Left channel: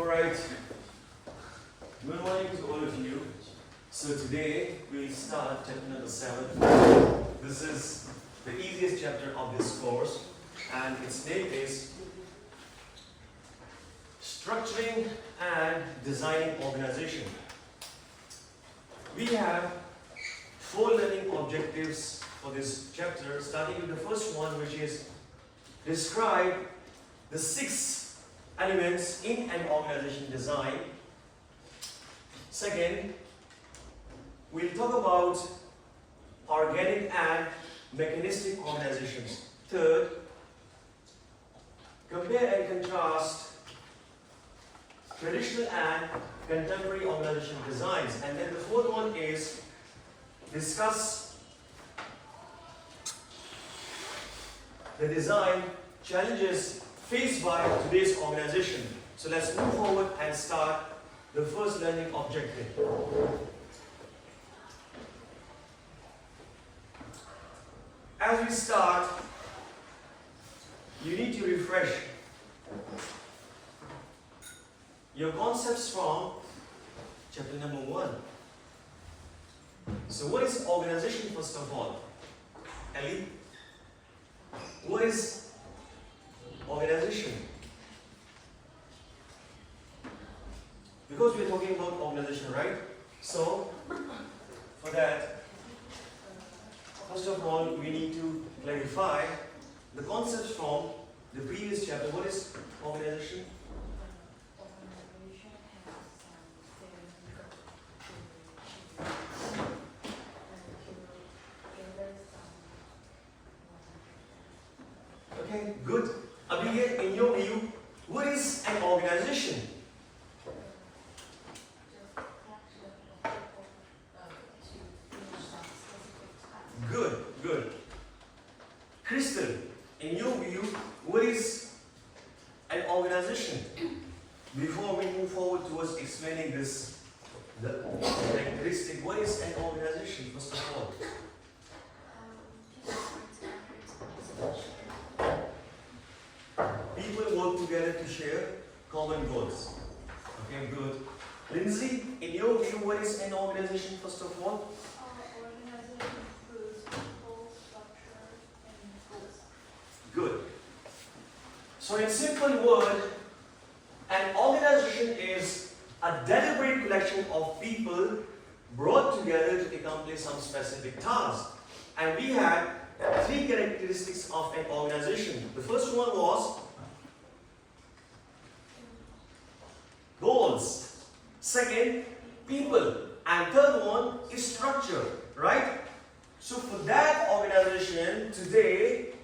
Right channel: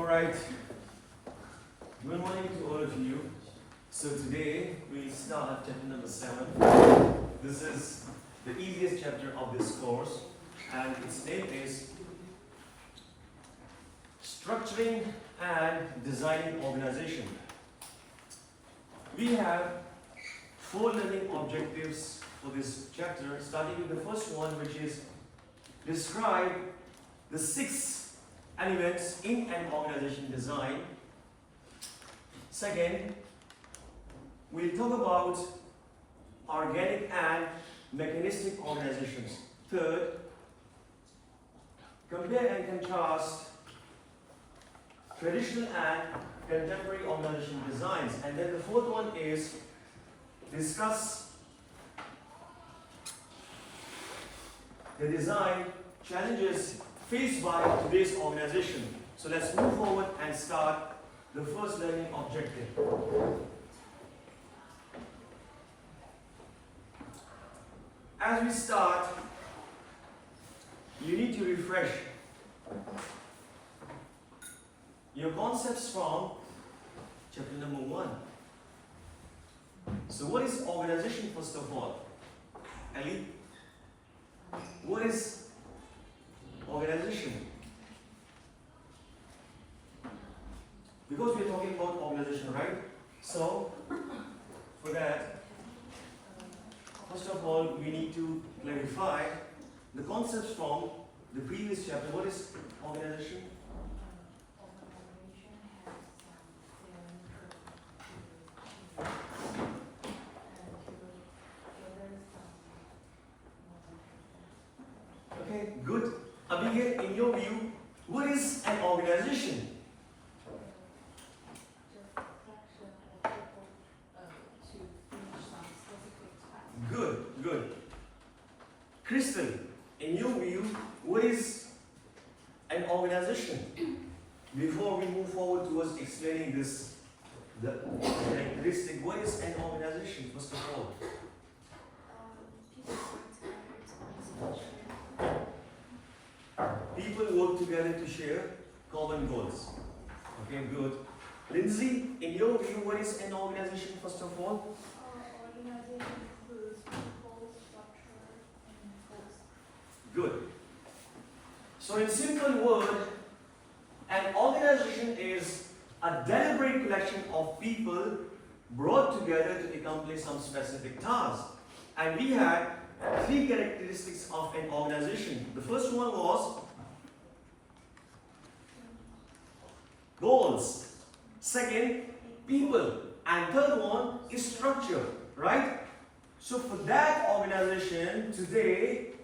Alright, good morning to all of you. So today we'll start chapter number 7. This is the easiest chapter of this course and its name is Structuring and Designing Organization. We have 4 learning objectives for this chapter, starting with the first one, which is describe the 6 elements in an organization design. Second, we'll talk about organic and mechanistic organizations. Third, compare and contrast traditional and contemporary organization designs. And then the fourth one is discuss the design challenges faced by today's organization. So let's move forward and start the first learning objective. As we start, you need to refresh your concepts from chapter number 1. So what is organization first of all? Ellie? What is organization? Because we're talking about organization, right? So, for that, first of all, we need to clarify the concepts from the previous chapter. What is organization? Okay, good. Abigail, in your view, what is an organization? Good, good. Crystal, in your view, what is an organization? Before we move forward towards explaining this, the characteristic, what is an organization, first of all? People work together to share common goals. Okay, good. Lindsay, in your view, what is an organization, first of all? Organization includes people, structure, and goals. Good. So in simple word, an organization is a deliberate collection of people brought together to accomplish some specific task. And we had 3 characteristics of an organization. The first one was goals. Second, people. And third one is structure, right? So for that organization, today,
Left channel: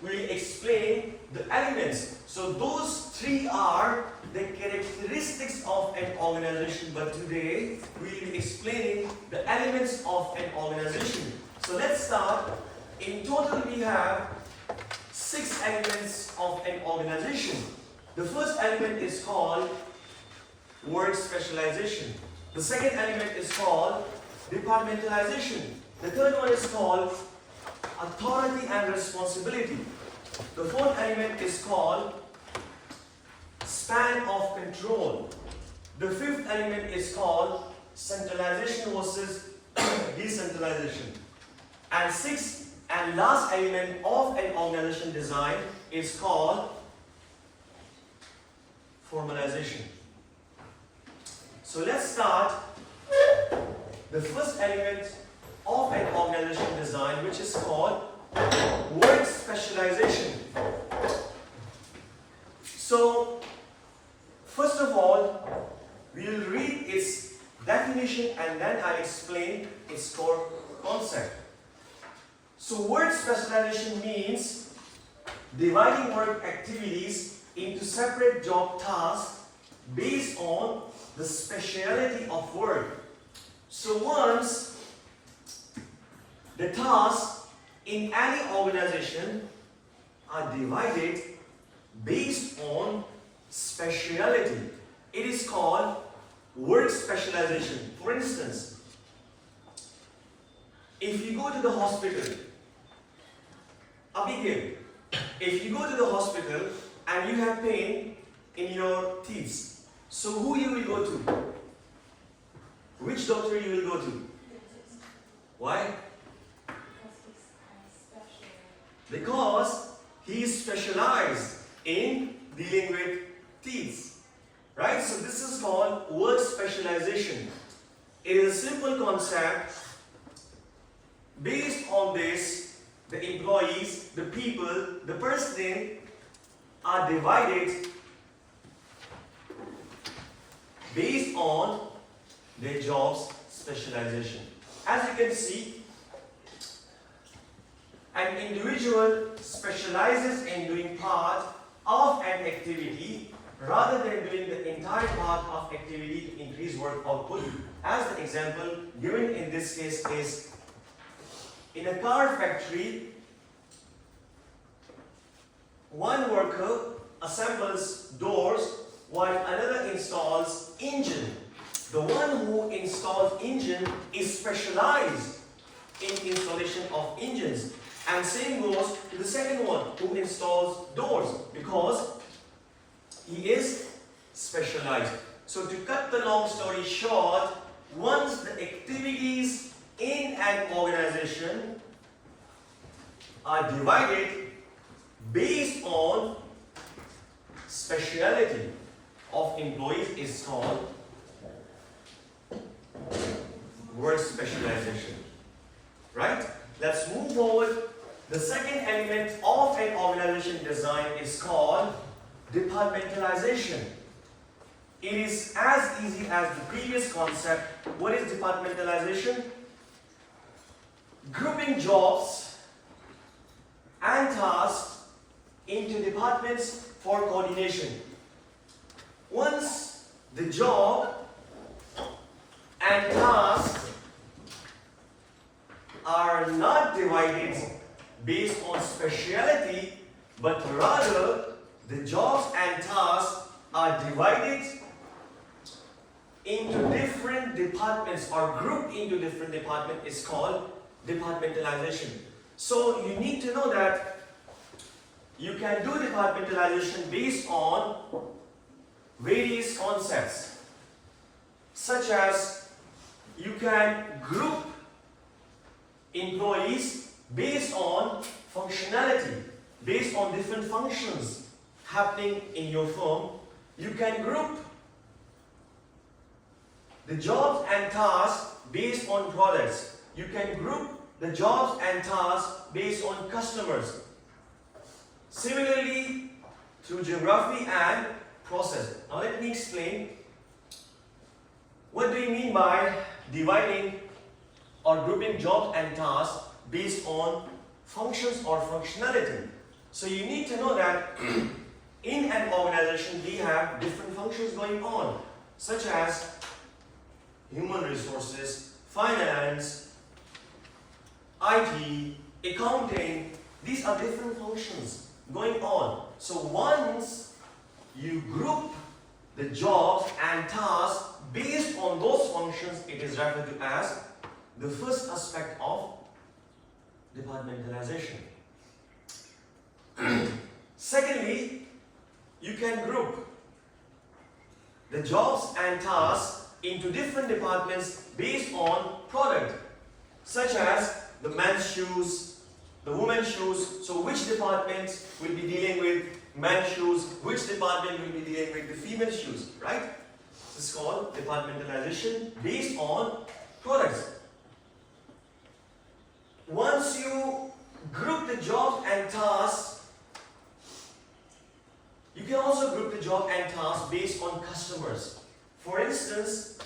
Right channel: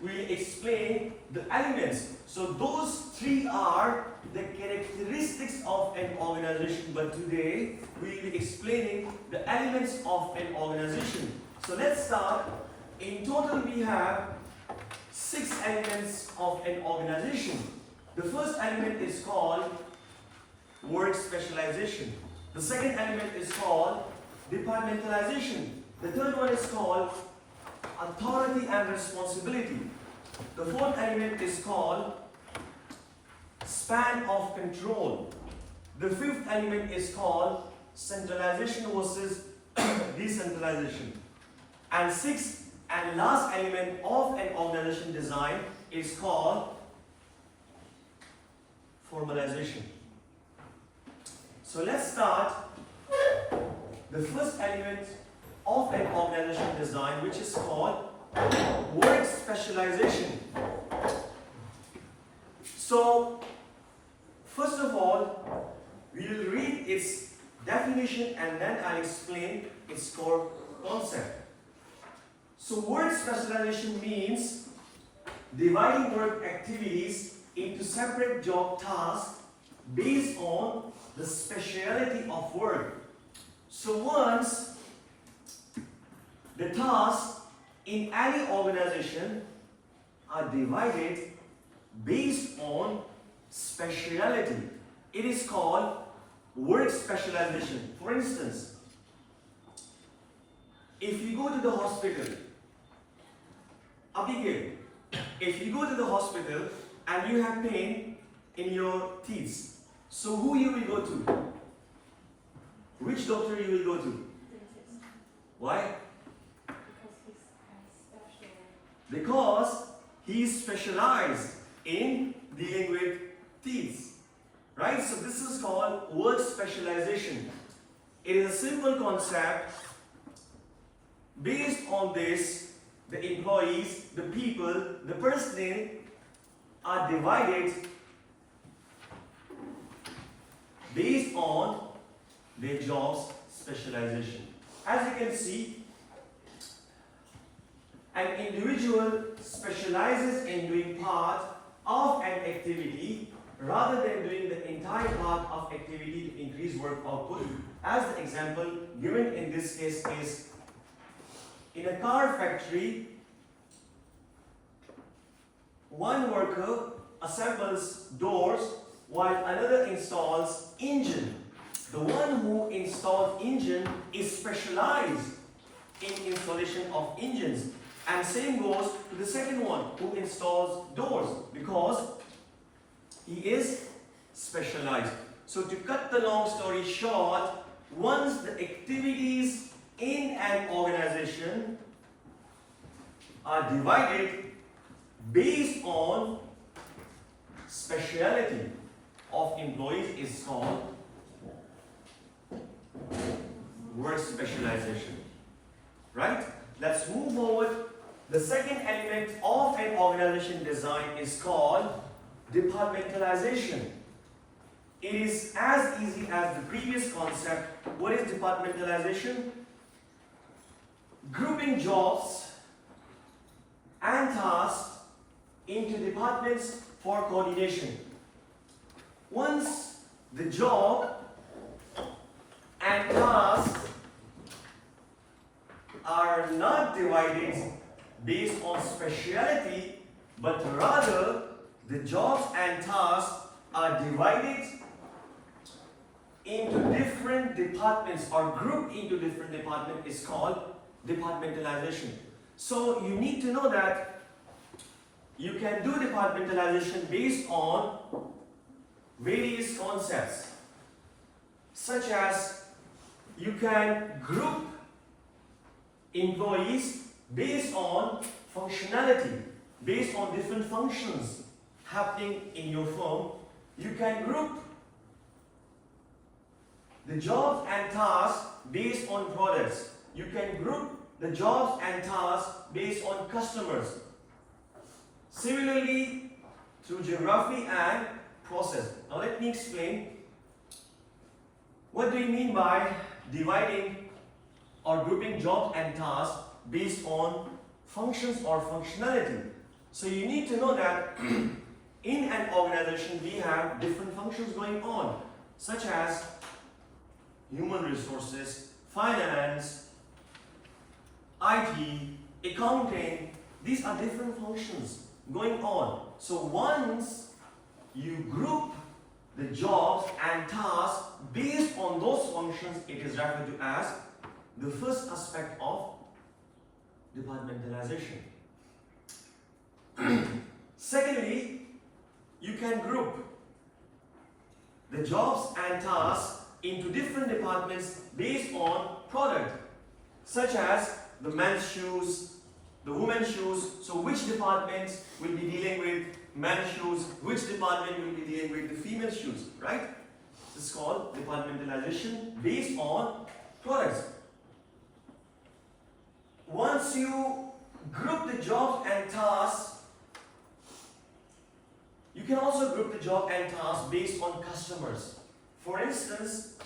we'll explain the elements. So those 3 are the characteristics of an organization. But today, we'll be explaining the elements of an organization. So let's start. In total, we have 6 elements of an organization. The first element is called work specialization. The second element is called departmentalization. The third one is called authority and responsibility. The fourth element is called span of control. The fifth element is called centralization versus decentralization. And sixth and last element of an organization design is called formalization. So let's start the first element of an organization design, which is called work specialization. So first of all, we'll read its definition and then I'll explain its core concept. So work specialization means dividing work activities into separate job tasks based on the speciality of work. So once the tasks in any organization are divided based on speciality, it is called work specialization. For instance, if you go to the hospital, Abigail, if you go to the hospital and you have pain in your teeth. So who you will go to? Which doctor you will go to? Why? Because he is specialized in dealing with teeth. Right? So this is called word specialization. It is a simple concept. Based on this, the employees, the people, the person are divided based on their job's specialization. As you can see, an individual specializes in doing part of an activity rather than doing the entire part of activity to increase work output. As the example given in this case is, in a car factory, one worker assembles doors while another installs engine. The one who installs engine is specialized in installation of engines, and same goes to the second one who installs doors, because he is specialized. So to cut the long story short, once the activities in an organization are divided based on speciality of employees is called work specialization. Right? Let's move forward. The second element of an organization design is called departmentalization. It is as easy as the previous concept. What is departmentalization? Grouping jobs and tasks into departments for coordination. Once the job and tasks are not divided based on speciality, but rather the jobs and tasks are divided into different departments or grouped into different departments is called departmentalization. So you need to know that you can do departmentalization based on various concepts, such as you can group employees based on functionality, based on different functions happening in your firm. You can group the jobs and tasks based on products. You can group the jobs and tasks based on customers. Similarly, through geography and process. Now let me explain. What do you mean by dividing or grouping jobs and tasks based on functions or functionality? So you need to know that in an organization we have different functions going on, such as human resources, finance, IT, accounting. These are different functions going on. So once you group the jobs and tasks based on those functions, it is referred to as the first aspect of departmentalization. Secondly, you can group the jobs and tasks into different departments based on product, such as the men's shoes, the women's shoes. So which department will be dealing with men's shoes, which department will be dealing with the female shoes, right? This is called departmentalization based on products. Once you group the jobs and tasks, you can also group the job and tasks based on customers. For instance,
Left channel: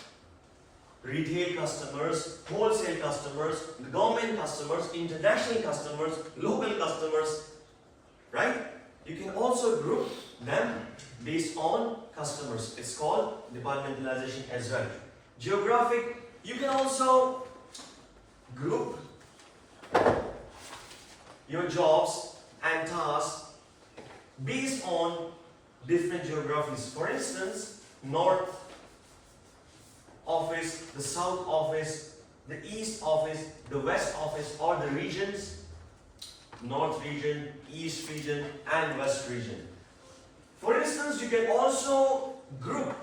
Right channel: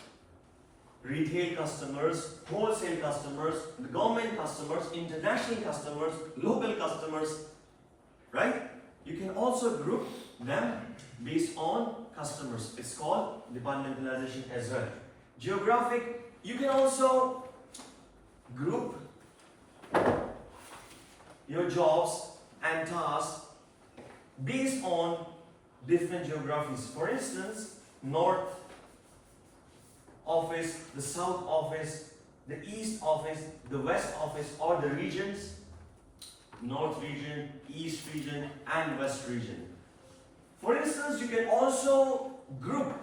retail customers, wholesale customers, the government customers, international customers, local customers, right? You can also group them based on customers. It's called departmentalization as well. Geographic, you can also group your jobs and tasks based on different geographies. For instance, north office, the south office, the east office, the west office, or the regions, north region, east region, and west region. For instance, you can also group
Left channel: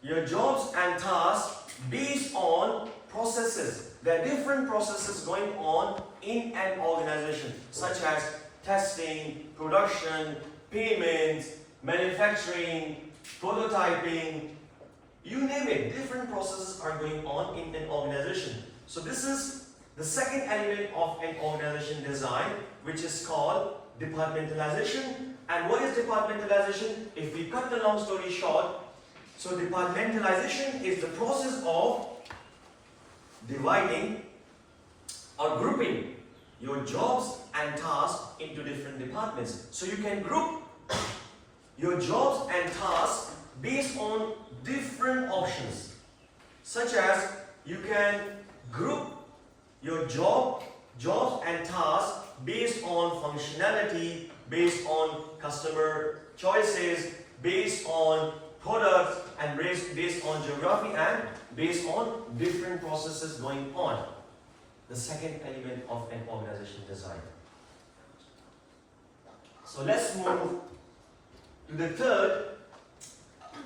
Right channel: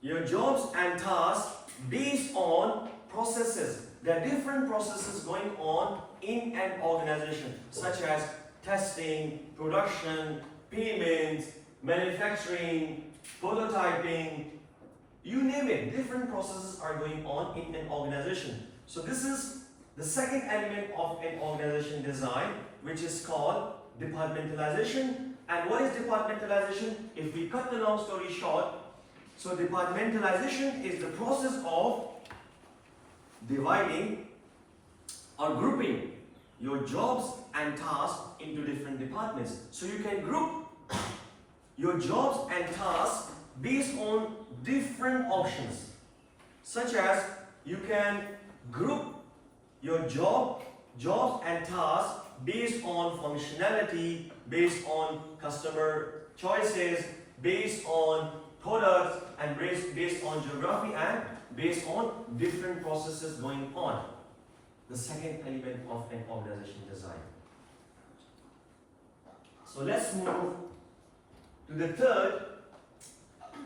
your jobs and tasks based on processes. There are different processes going on in an organization, such as testing, production, payment, manufacturing, prototyping, you name it. Different processes are going on in an organization. So this is the second element of an organization design, which is called departmentalization. And what is departmentalization? If we cut the long story short, so departmentalization is the process of dividing or grouping your jobs and tasks into different departments. So you can group your jobs and tasks based on different options, such as you can group your jobs and tasks based on functionality, based on customer choices, based on products, and based on geography, and based on different processes going on. The second element of an organization design. So let's move to the third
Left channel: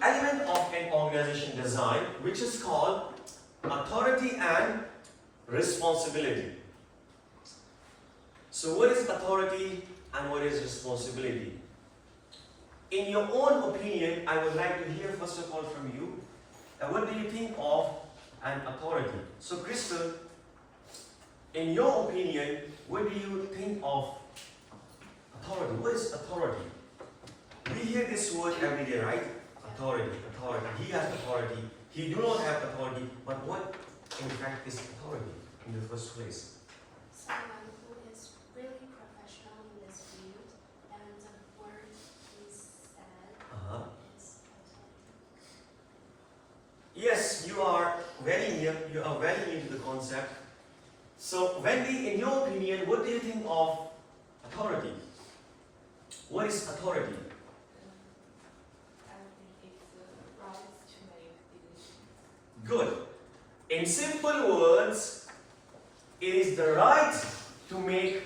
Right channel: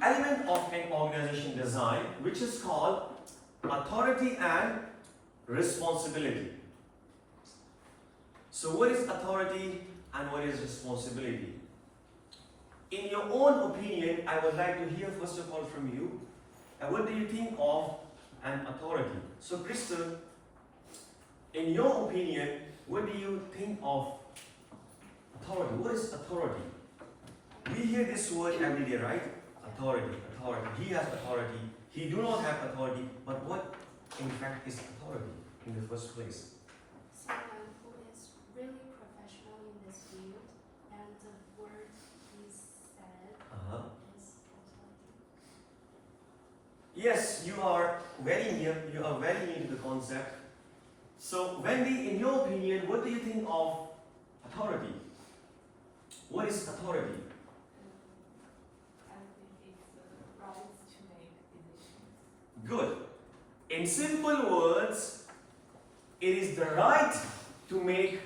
element of an organization design, which is called authority and responsibility. So what is authority and what is responsibility? In your own opinion, I would like to hear first of all from you, what do you think of an authority? So Crystal, in your opinion, what do you think of authority? What is authority? We hear this word every day, right? Authority, authority. He has authority. He do not have authority. But what, in fact, is authority in the first place? Someone who is really professional in this field, and the word he said is authority. Yes, you are very near. You are very near to the concept. So, Wendy, in your opinion, what do you think of authority? What is authority? I think it's the right to make decisions. Good. In simple words, it is the right to make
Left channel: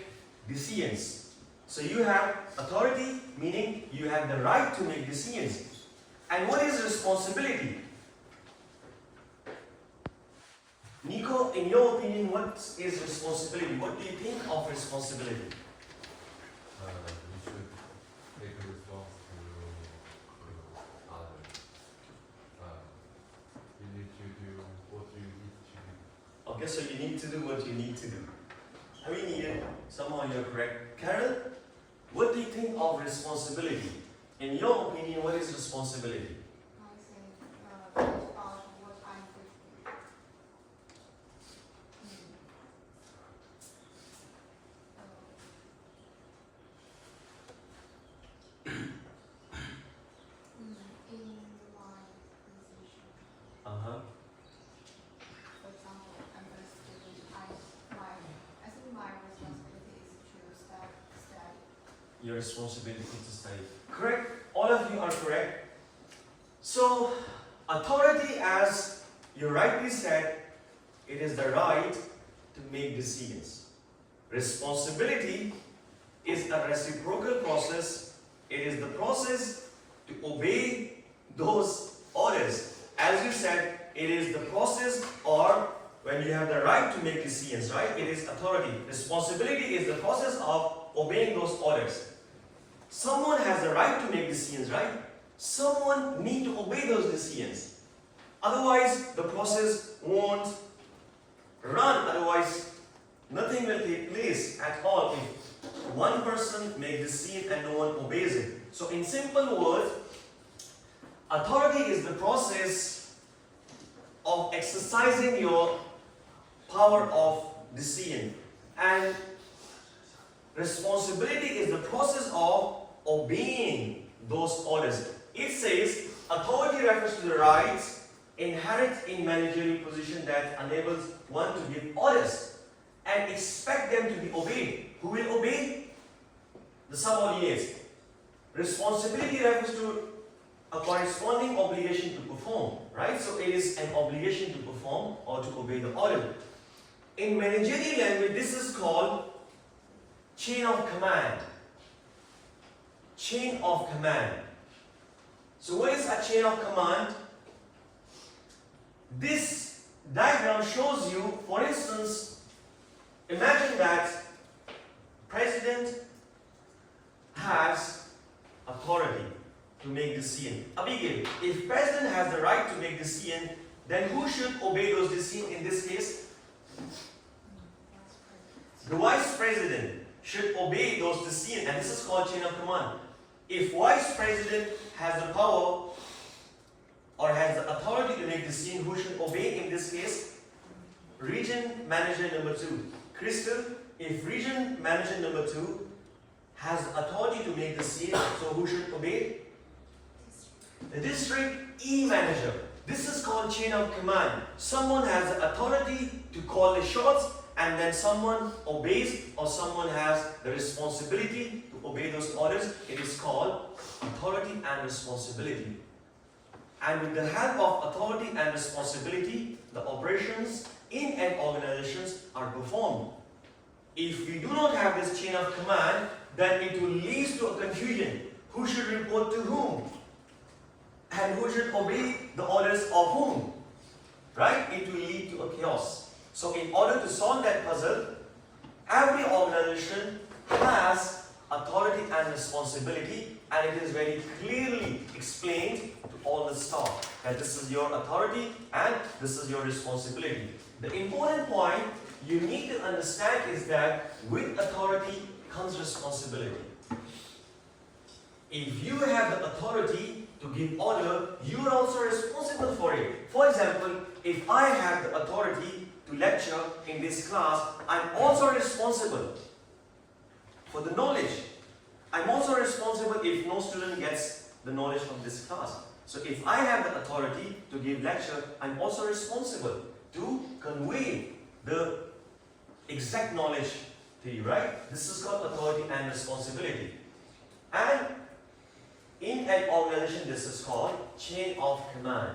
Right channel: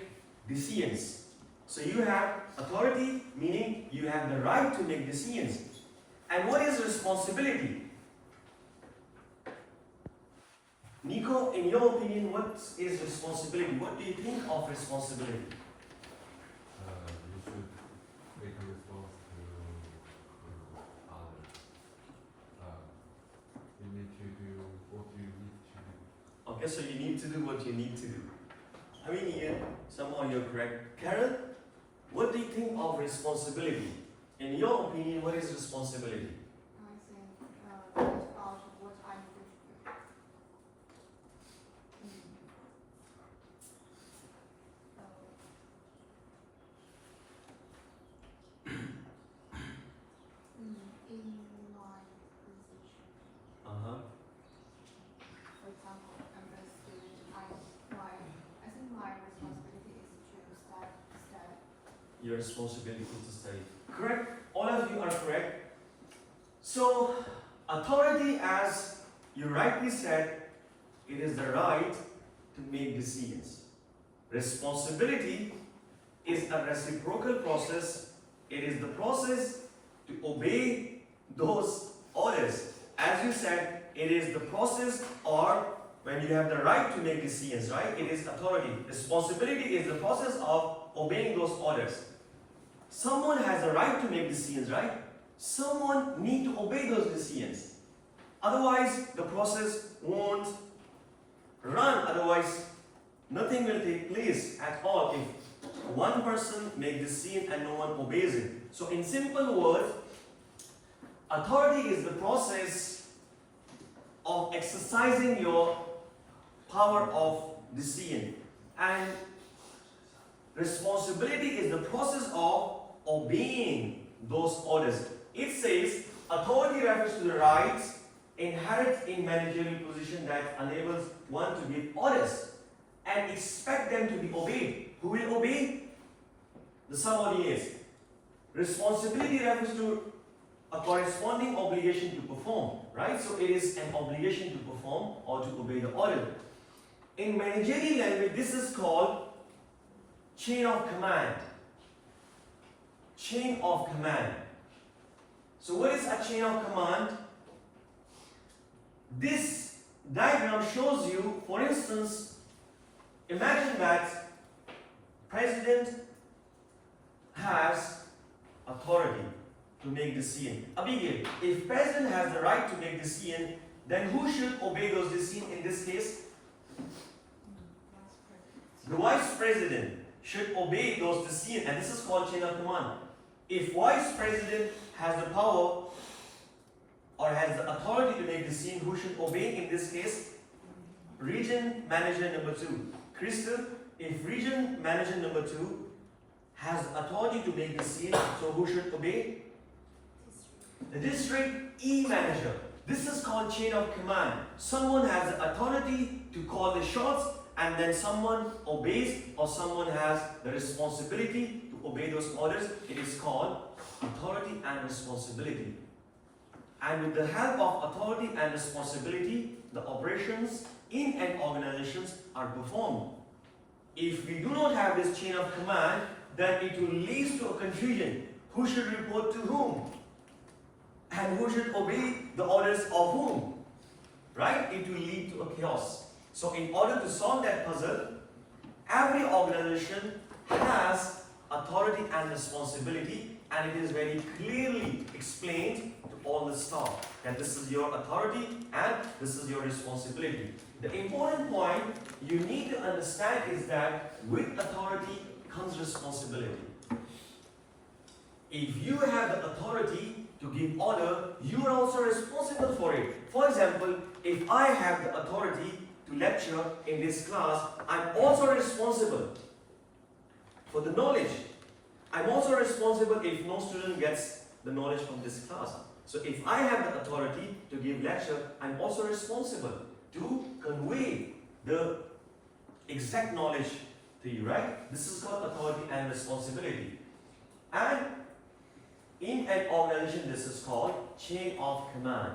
decisions. So you have authority, meaning you have the right to make decisions. And what is responsibility? Nico, in your opinion, what is responsibility? What do you think of responsibility? We should take a response to others. You need to do what you need to do. Okay, so you need to do what you need to do. I mean, somehow you're correct. Carol, what do you think of responsibility? In your opinion, what is responsibility? I think it's about what I do. In my position, for example, I'm a student. I think my responsibility is to study. Your responsibility is to study. Correct. All of you are correct. So, authority, as you rightly said, it is the right to make decisions. Responsibility is a reciprocal process. It is the process to obey those orders. As you said, it is the process, or when you have the right to make decisions, right? It is authority. Responsibility is the process of obeying those orders. Someone has the right to make decisions, right? Someone needs to obey those decisions. Otherwise, the process won't run. Otherwise, nothing will take place at all if one person makes a decision and no one obeys it. So, in simple words, authority is the process of exercising your power of decision, and responsibility is the process of obeying those orders. It says authority refers to the rights inherent in managerial position that enables one to give orders and expect them to be obeyed. Who will obey? The subordinates. Responsibility refers to a corresponding obligation to perform, right? So it is an obligation to perform or to obey the order. In managerial language, this is called chain of command. chain of command. So what is a chain of command? This diagram shows you, for instance, imagine that president has authority to make decision. Abigail, if president has the right to make decision, then who should obey those decisions in this case? The vice president should obey those decisions, and this is called chain of command. If vice president has the power or has the authority to make decision, who should obey in this case? Region manager number 2. Crystal, if region manager number 2 has authority to make decision, so who should obey? The district E manager. This is called chain of command. Someone has the authority to call the shots, and then someone obeys, or someone has the responsibility to obey those orders. It is called authority and responsibility. And with the help of authority and responsibility, the operations in an organization are performed. If we do not have this chain of command, then it will lead to a confusion. Who should report to whom? And who should obey the orders of whom? Right? It will lead to a chaos. So in order to solve that puzzle, every organization has authority and responsibility, and it is very clearly explained to all the staff that this is your authority and this is your responsibility. The important point you need to understand is that with authority comes responsibility. If you have the authority to give order, you are also responsible for it. For example, if I have the authority to lecture in this class, I'm also responsible for the knowledge. I'm also responsible if no student gets the knowledge from this class. So if I have the authority to give lecture, I'm also responsible to convey the exact knowledge to you, right? This is called authority and responsibility. And in an organization, this is called chain of command.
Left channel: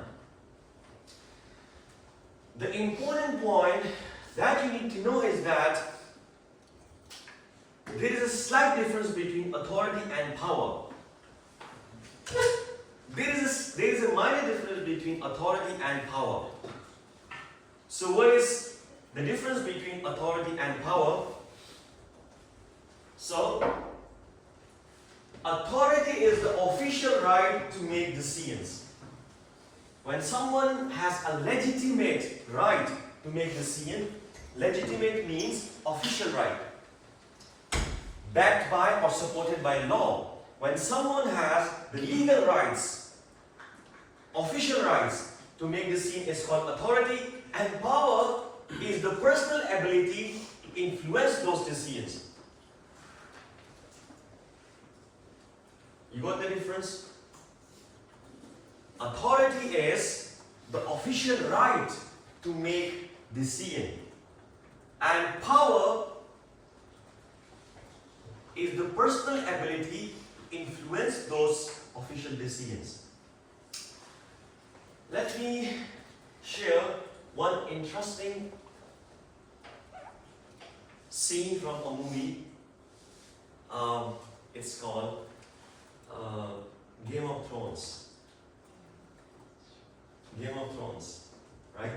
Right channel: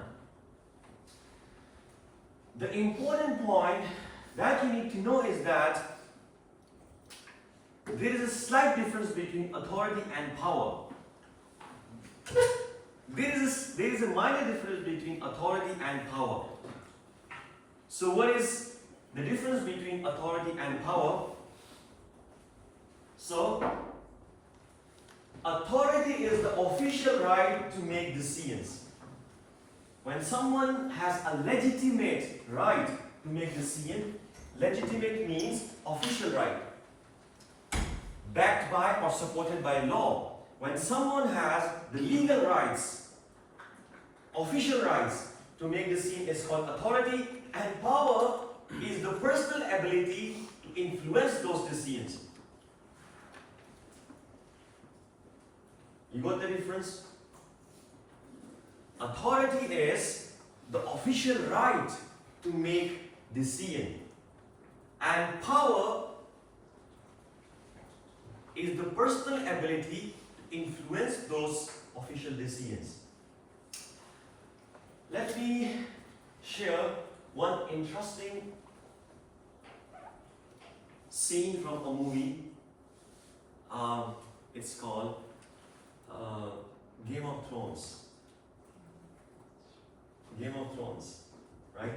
The important point that you need to know is that there is a slight difference between authority and power. There is a minor difference between authority and power. So what is the difference between authority and power? So, authority is the official right to make decisions. When someone has a legitimate right to make decision, legitimate means official right, backed by or supported by law. When someone has the legal rights, official rights to make decision is called authority, and power is the personal ability to influence those decisions. You got the difference? Authority is the official right to make decision, and power is the personal ability to influence those official decisions. Let me share one interesting scene from a movie. It's called Game of Thrones. Game of Thrones, right?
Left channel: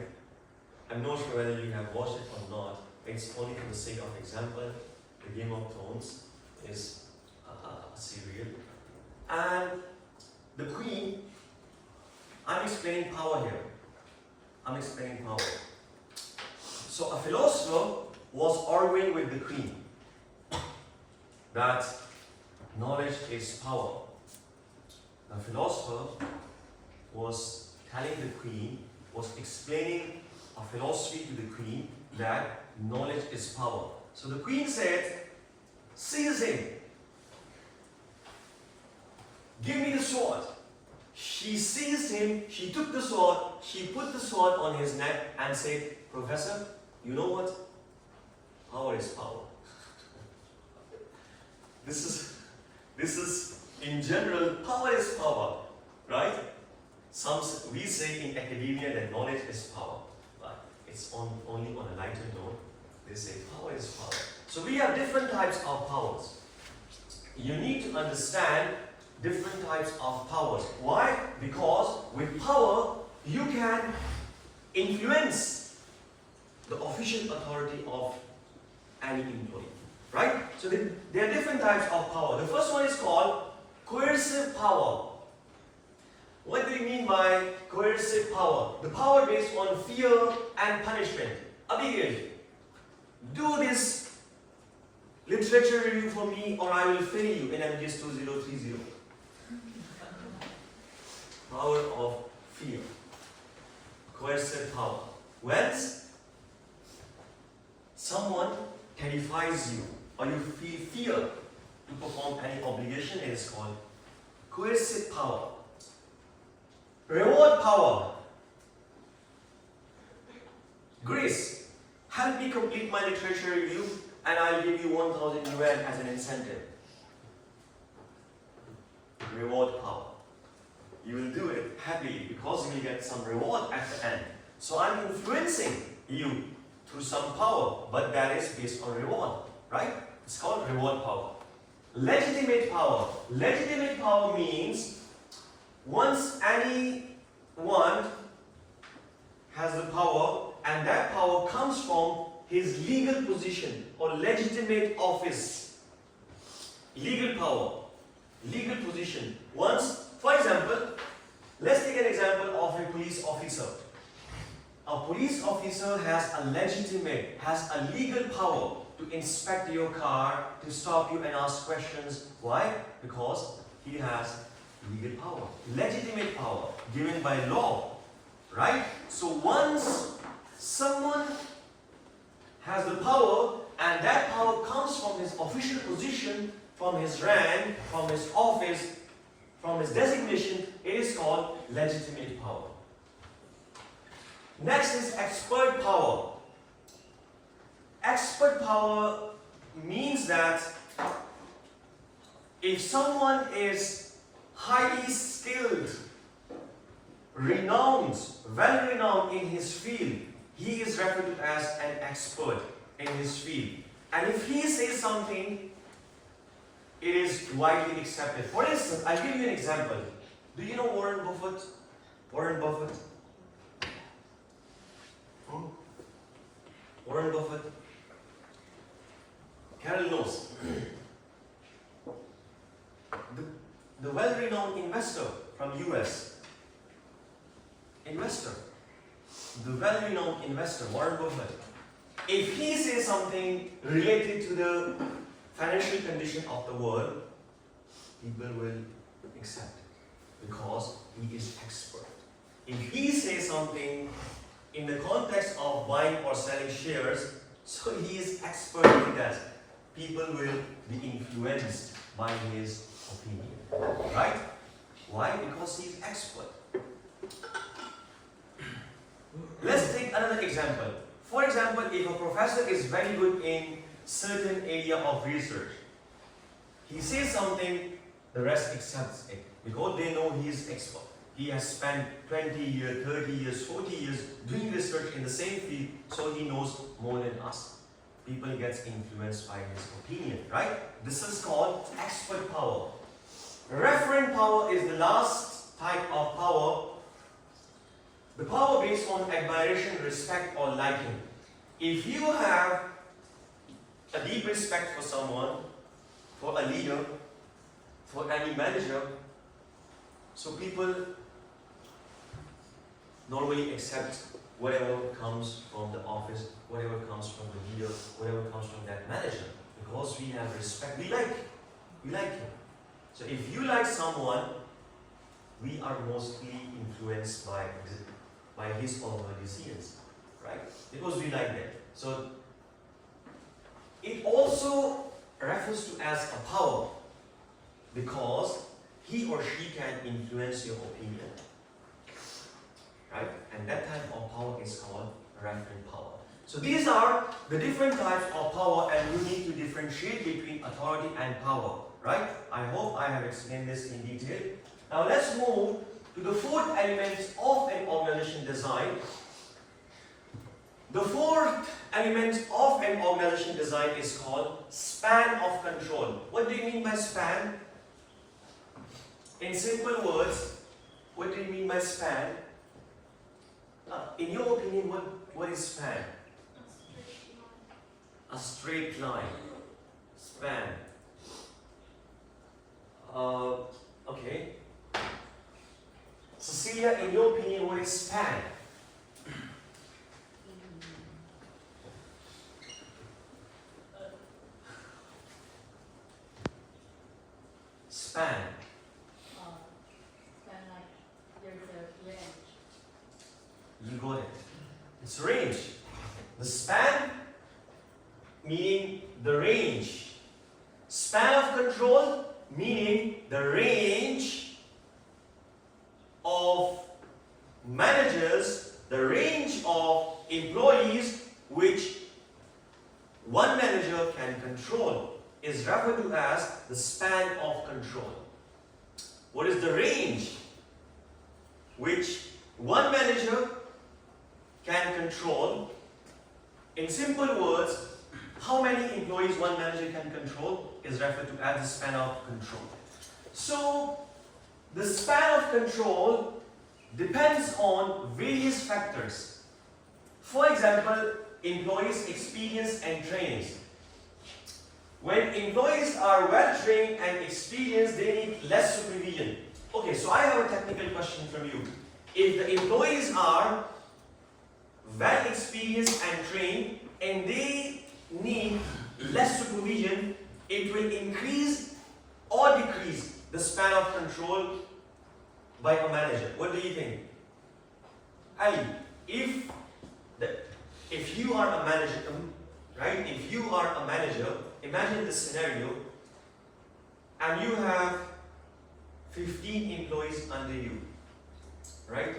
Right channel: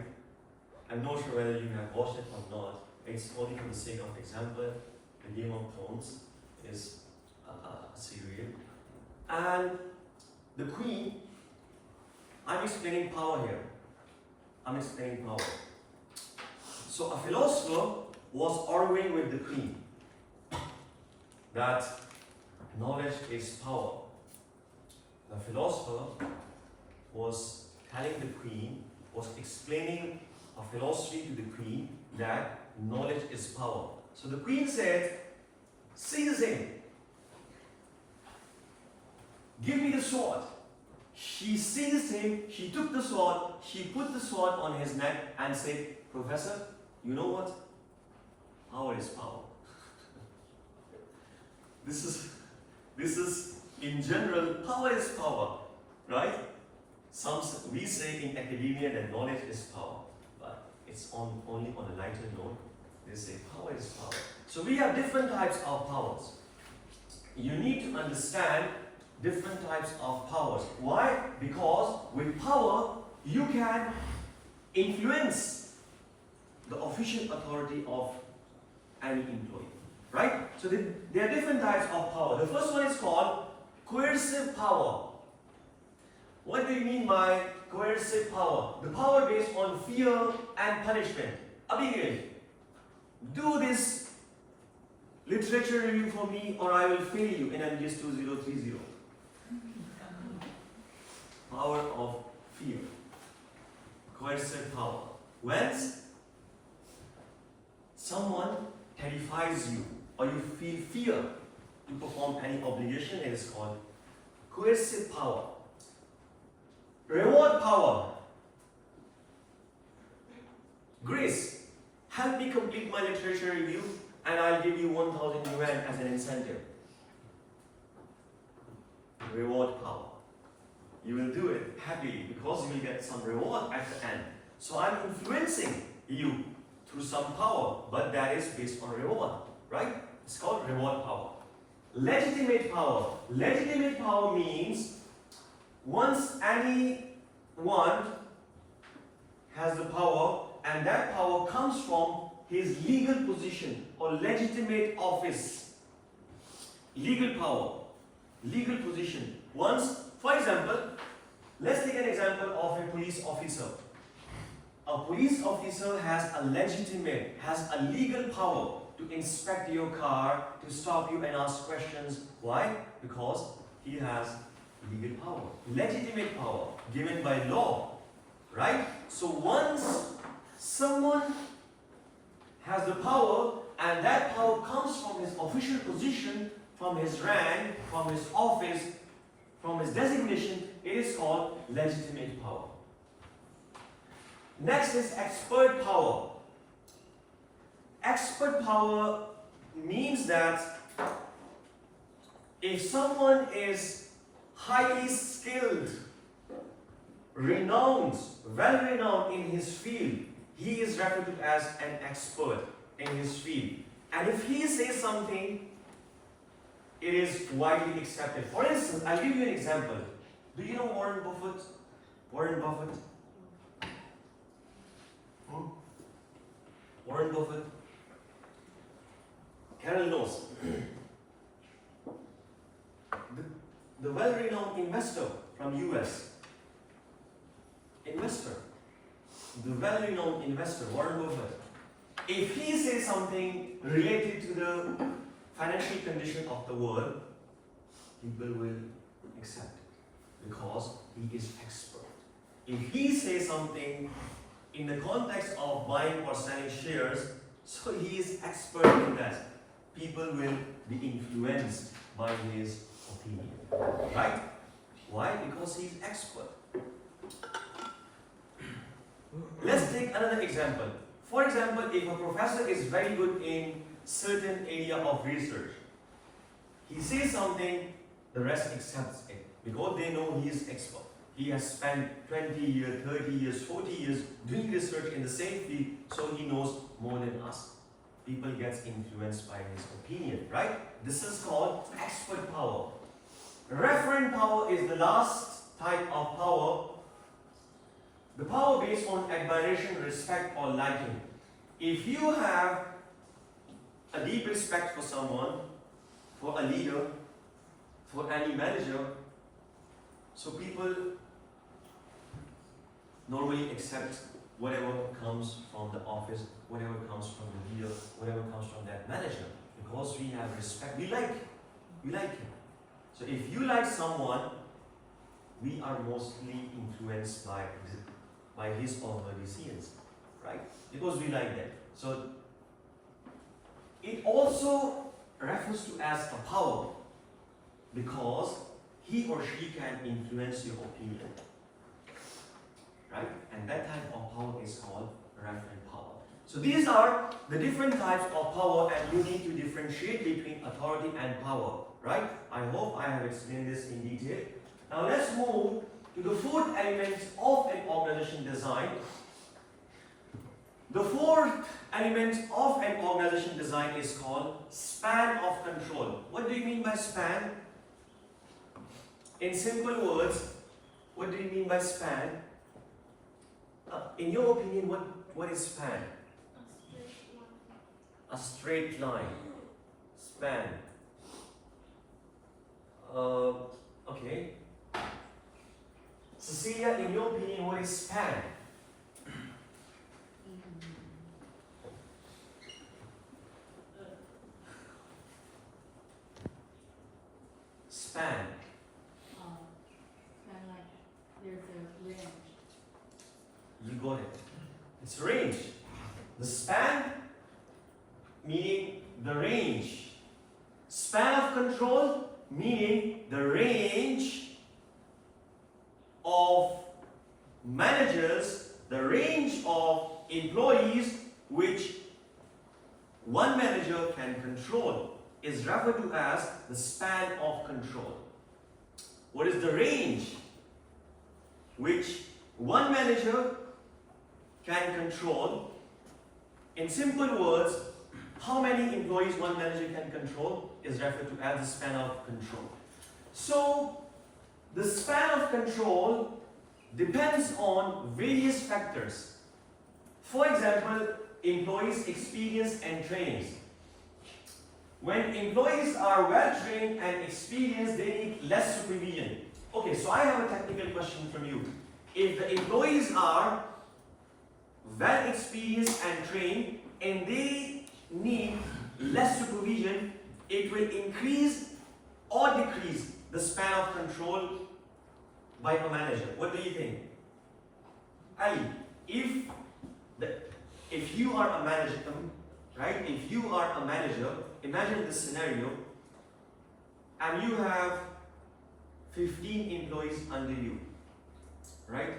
I'm not sure whether you have watched it or not. It's only for the sake of example. The Game of Thrones is a serial, and the Queen. I'm explaining power here. I'm explaining power. So a philosopher was arguing with the Queen that knowledge is power. The philosopher was telling the Queen, was explaining a philosophy to the Queen that knowledge is power. So the Queen said, "Seize him. Give me the sword." She seized him, she took the sword, she put the sword on his neck and said, "Professor, you know what? Power is power." This is in general, power is power, right? We say in academia that knowledge is power, but it's only on a lighter note. They say power is power. So we have different types of powers. You need to understand different types of powers. Why? Because with power, you can influence the official authority of any employee. Right? So there are different types of power. The first one is called coercive power. What do you mean by coercive power? The power based on fear and punishment. Abigail, do this literature review for me or I will fail you in MGS 2030. Power of fear. Coercive power. When someone terrifies you or you feel fear to perform any obligation, it is called coercive power. Reward power. Grace, help me complete my literature review and I'll give you 1,000 yuan as an incentive. Reward power. You will do it happily because you will get some reward at the end. So I'm influencing you through some power, but that is based on reward, right? It's called reward power. Legitimate power. Legitimate power means once anyone has the power and that power comes from his legal position or legitimate office. Legal power, legal position. Once, for example, let's take an example of a police officer. A police officer has a legal power to inspect your car, to stop you and ask questions. Why? Because he has legal power, legitimate power given by law, right? So once someone has the power and that power comes from his official position, from his rank, from his office, from his designation, it is called legitimate power. Next is expert power. Expert power means that if someone is highly skilled, renowned, well-renowned in his field, he is referred to as an expert in his field. And if he says something, it is widely accepted. For instance, I'll give you an example. Do you know Warren Buffett? Warren Buffett? Warren Buffett? Carol knows. The well-renowned investor from US. Investor. The well-renowned investor, Warren Buffett. If he says something related to the financial condition of the world, people will accept it because he is expert. If he says something in the context of buying or selling shares, so he is expert in that, people will be influenced by his opinion. Right? Why? Because he is expert. Let's take another example. For example, if a professor is very good in certain area of research, he says something, the rest accepts it because they know he is expert. He has spent 20 years, 30 years, 40 years doing research in the same field, so he knows more than us. People get influenced by his opinion, right? This is called expert power. Referent power is the last type of power. The power based on admiration, respect, or liking. If you have a deep respect for someone, for a leader, for any manager, so people normally accept whatever comes from the office, whatever comes from the leader, whatever comes from that manager, because we have respect. We like him. So if you like someone, we are mostly influenced by his or her decisions, right? Because we like them. So it also refers to as a power because he or she can influence your opinion, right? And that type of power is called referent power. So these are the different types of power, and you need to differentiate between authority and power, right? I hope I have explained this in detail. Now let's move to the fourth element of an organization design. The fourth element of an organization design is called span of control. What do you mean by span? In simple words, what do you mean by span? In your opinion, what is span? A straight line. A straight line. Span. Okay. Cecilia, in your opinion, what is span? Span. Span like there's a range. You got it. It's range. The span meaning the range. Span of control meaning the range of managers, the range of employees which one manager can control is referred to as the span of control. What is the range which one manager can control? In simple words, how many employees one manager can control is referred to as the span of control. So, the span of control depends on various factors. For example, employees' experience and trainings. When employees are well trained and experienced, they need less supervision. Okay, so I have a technical question from you. If the employees are well experienced and trained and they need less supervision, it will increase or decrease the span of control by a manager. What do you think? Ali, if you are a manager, right? If you are a manager, imagine this scenario, and you have 15 employees under you, right?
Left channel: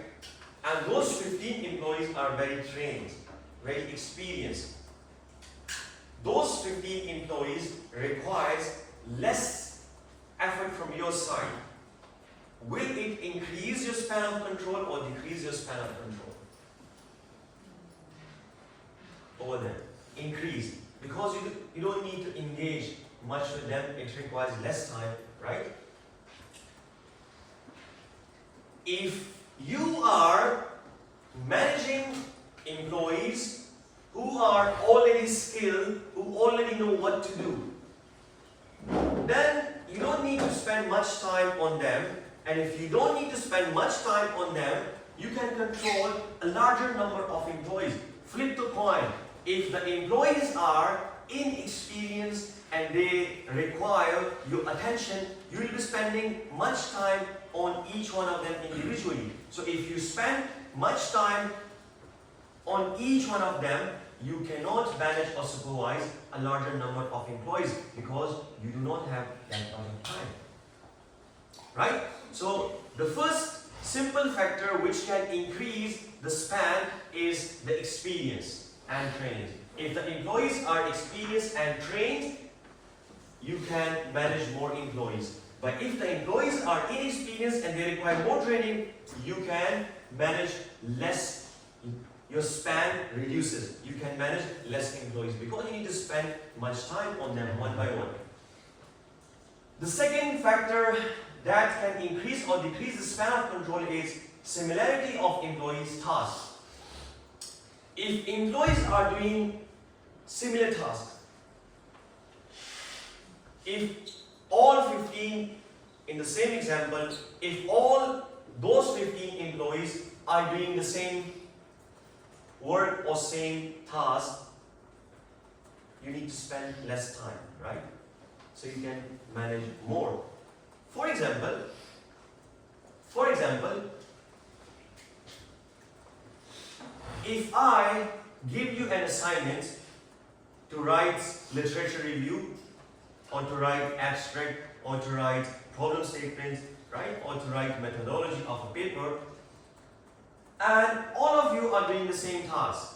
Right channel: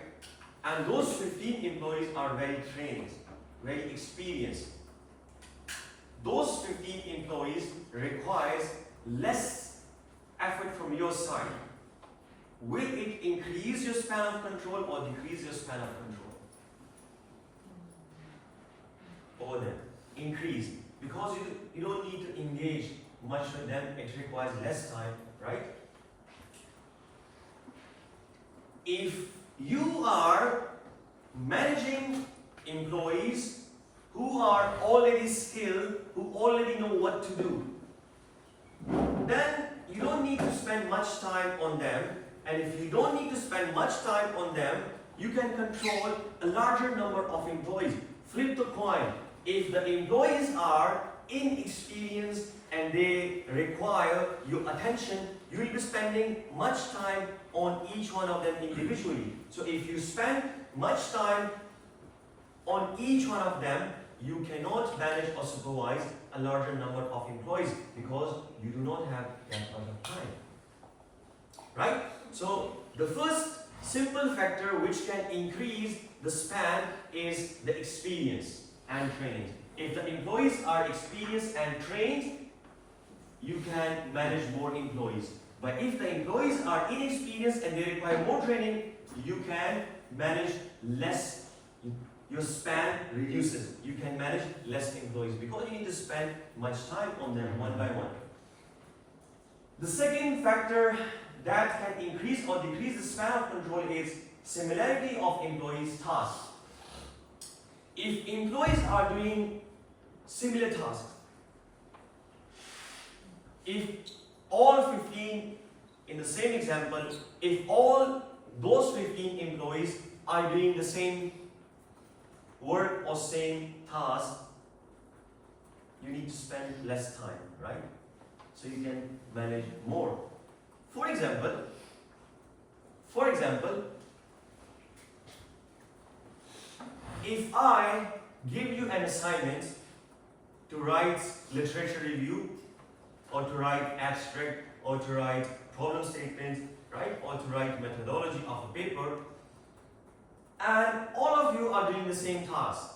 And those 15 employees are very trained, very experienced. Those 15 employees requires less effort from your side. Will it increase your span of control or decrease your span of control? Over there, increase, because you don't need to engage much with them. It requires less time, right? If you are managing employees who are already skilled, who already know what to do, then you don't need to spend much time on them. And if you don't need to spend much time on them, you can control a larger number of employees. Flip the coin. If the employees are inexperienced and they require your attention, you will be spending much time on each one of them individually. So if you spend much time on each one of them, you cannot manage or supervise a larger number of employees because you do not have that much of time. Right? So the first simple factor which can increase the span is the experience and training. If the employees are experienced and trained, you can manage more employees. But if the employees are inexperienced and they require more training, you can manage less. Your span reduces. You can manage less employees because you need to spend much time on them one by one. The second factor that can increase or decrease the span of control is similarity of employees' tasks. If employees are doing similar tasks, if all 15, in the same example, if all those 15 employees are doing the same work or same task, you need to spend less time, right? So you can manage more. For example, if I give you an assignment to write literature review, or to write abstract, or to write problem statements, right, or to write methodology of a paper, and all of you are doing the same task,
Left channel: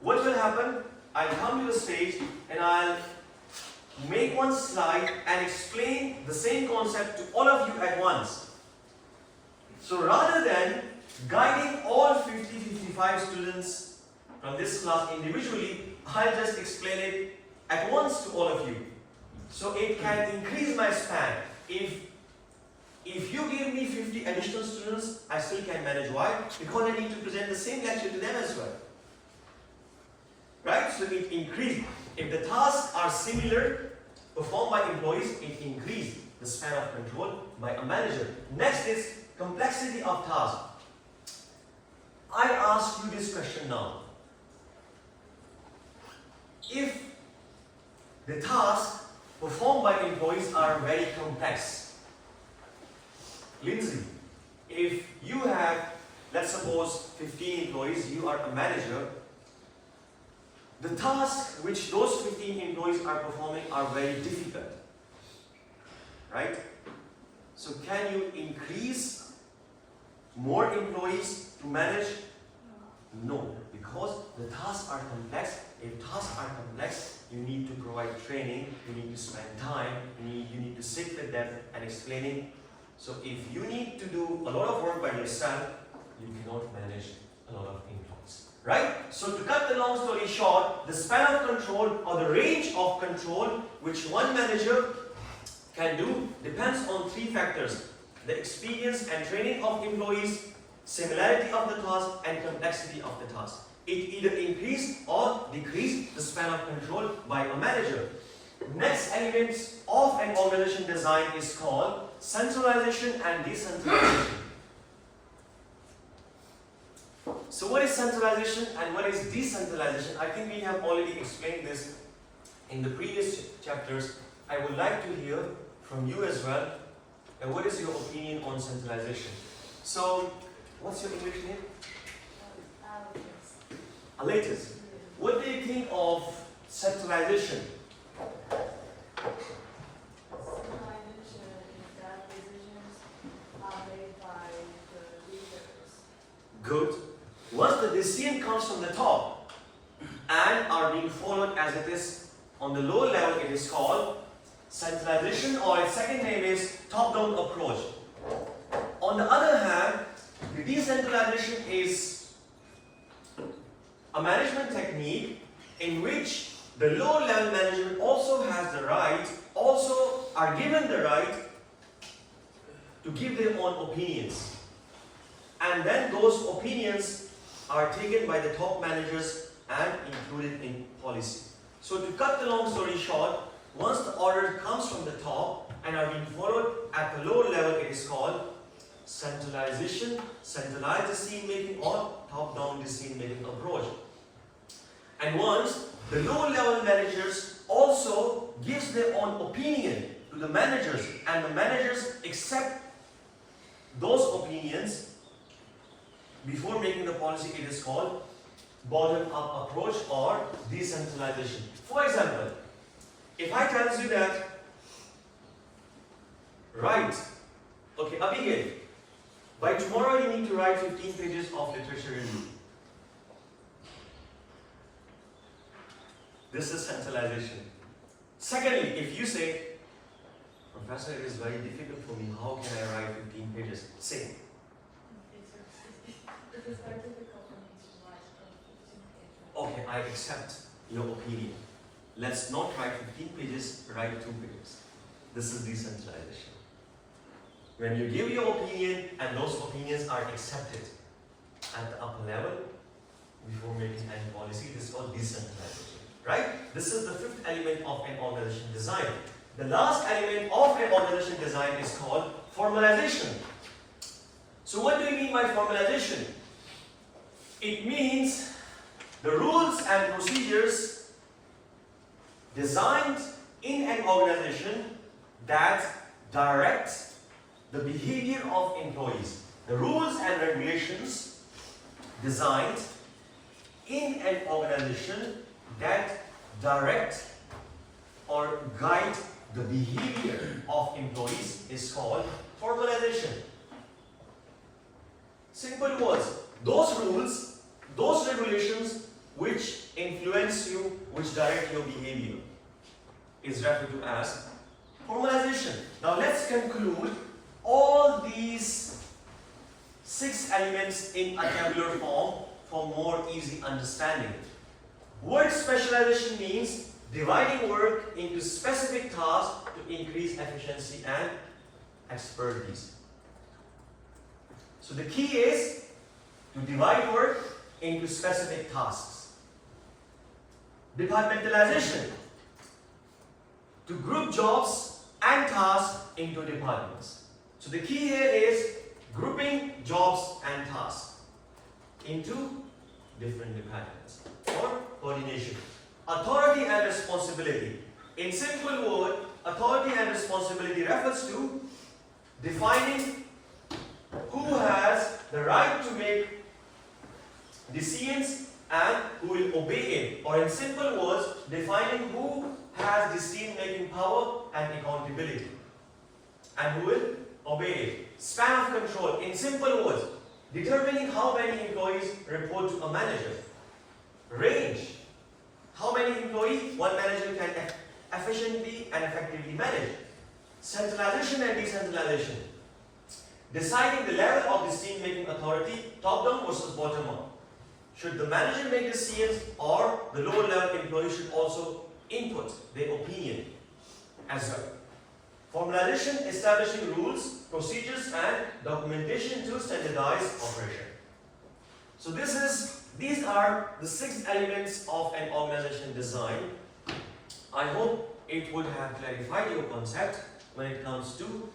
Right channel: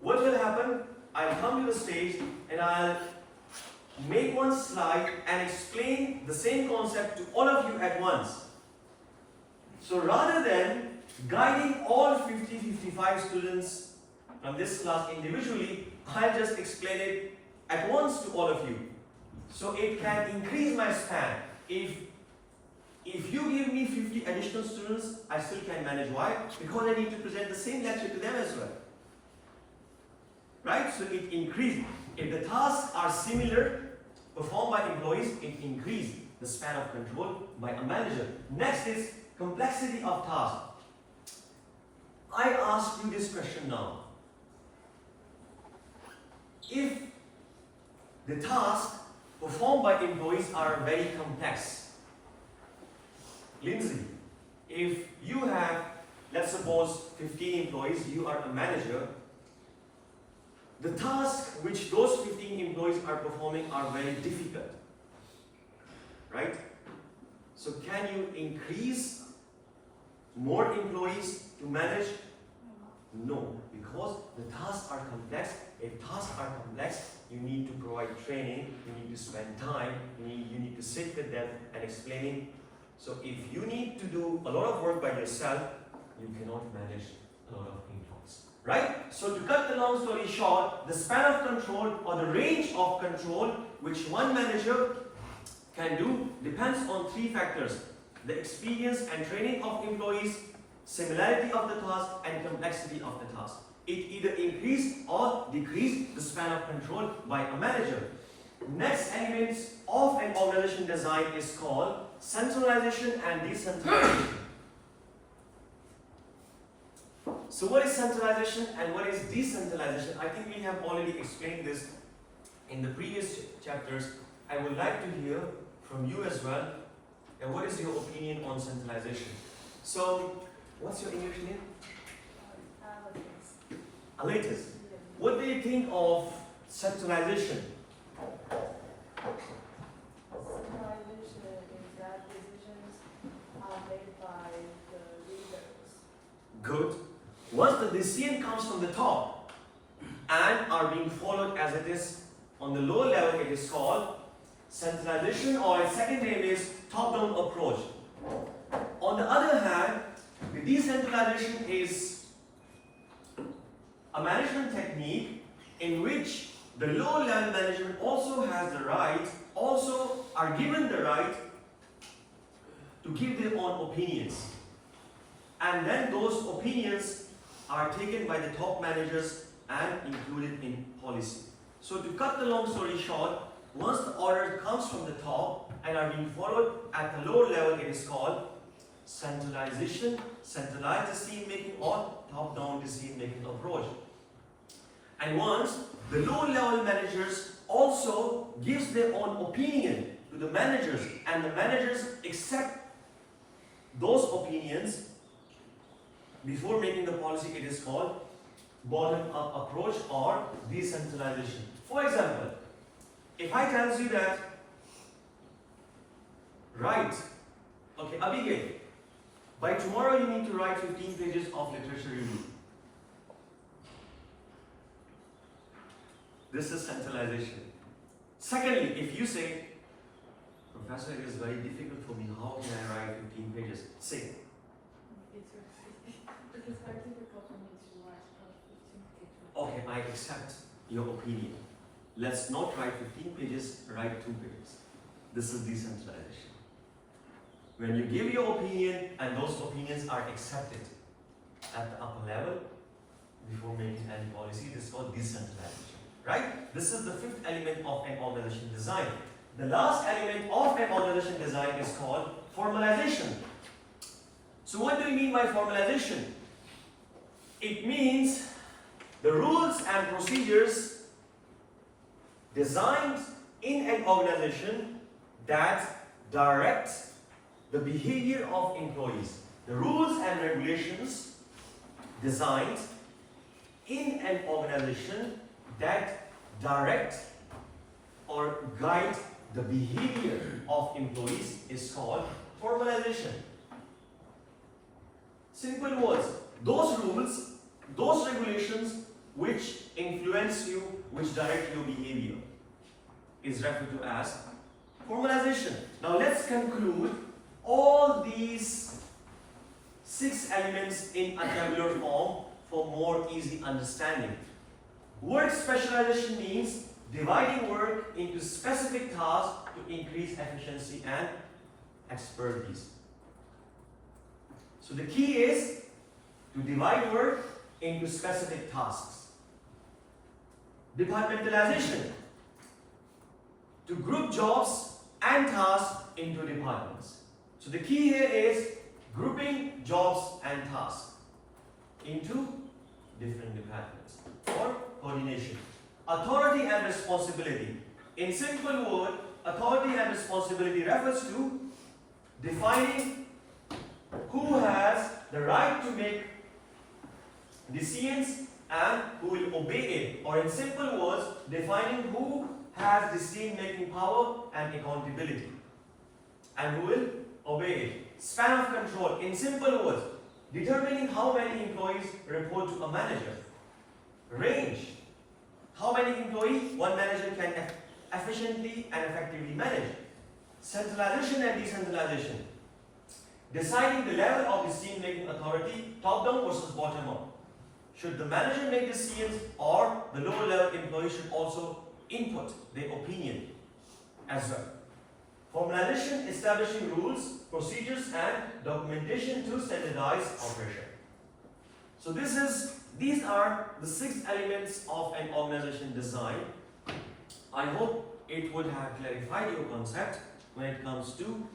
what will happen? I'll come to the stage and I'll make one slide and explain the same concept to all of you at once. So rather than guiding all 55 students from this class individually, I'll just explain it at once to all of you. So it can increase my span. If give me 50 additional students, I still can manage. Why? Because I need to present the same lecture to them as well. Right? So it increases. If the tasks are similar, performed by employees, it increases the span of control by a manager. Next is complexity of task. I ask you this question now. If the tasks performed by employees are very complex, Lindsay, if you have, let's suppose, 15 employees, you are a manager, the tasks which those 15 employees are performing are very difficult, right? So can you increase more employees to manage? No, because the tasks are complex. If tasks are complex, you need to provide training, you need to spend time, you need to sit with them and explaining. So if you need to do a lot of work by yourself, you cannot manage a lot of employees, right? So to cut the long story short, the span of control or the range of control which one manager can do depends on three factors: the experience and training of employees, similarity of the task, and complexity of the task. It either increase or decrease the span of control by a manager. Next element of an organization design is called centralization and decentralization. So what is centralization and what is decentralization? I think we have already explained this in the previous chapters. I would like to hear from you as well. And what is your opinion on centralization? So, what's your English name? Alatus. What do you think of centralization? Centralization is that decisions are made by the leaders. Good. Once the decision comes from the top and are being followed as it is on the lower level, it is called centralization, or its second name is top-down approach. On the other hand, the decentralization is a management technique in which the low level management also has the right, also are given the right to give their own opinions. And then those opinions are taken by the top managers and included in policy. So to cut the long story short, once the order comes from the top and are being followed at the lower level, it is called centralization, centralized decision making, or top-down decision making approach. And once the lower level managers also gives their own opinion to the managers, and the managers accept those opinions before making the policy, it is called bottom-up approach or decentralization. For example, if I tell you that, write, okay, Abigail, by tomorrow you need to write 15 pages of literature review. This is centralization. Secondly, if you say, Professor, it is very difficult for me, how can I write 15 pages? Say. It is very difficult for me to write 15 pages. Okay, I accept your opinion. Let's not write 15 pages, write 2 pages. This is decentralization. When you give your opinion and those opinions are accepted at the upper level before making any policy, this is called decentralization. Right? This is the fifth element of an organization design. The last element of an organization design is called formalization. So what do you mean by formalization? It means the rules and procedures designed in an organization that direct the behavior of employees. The rules and regulations designed in an organization that direct or guide the behavior of employees is called formalization. Simple words. Those rules, those regulations which influence you, which direct your behavior is referred to as formalization. Now let's conclude all these 6 elements in a tabular form for more easy understanding. Work specialization means dividing work into specific tasks to increase efficiency and expertise. So the key is to divide work into specific tasks. Departmentalization, to group jobs and tasks into departments. So the key here is grouping jobs and tasks into different departments or coordination. Authority and responsibility. In simple word, authority and responsibility refers to defining who has the right to make decisions and who will obey it. Or in simple words, defining who has decision-making power and accountability and who will obey it. Span of control. In simple words, determining how many employees report to a manager. Range. How many employees one manager can efficiently and effectively manage. Centralization and decentralization. Deciding the level of decision-making authority, top-down versus bottom-up. Should the manager make decisions or the lower-level employee should also input their opinion as well. Formalization, establishing rules, procedures and documentation to standardize operation. So these are the 6 elements of an organization design. I hope it would have clarified your concept when it comes to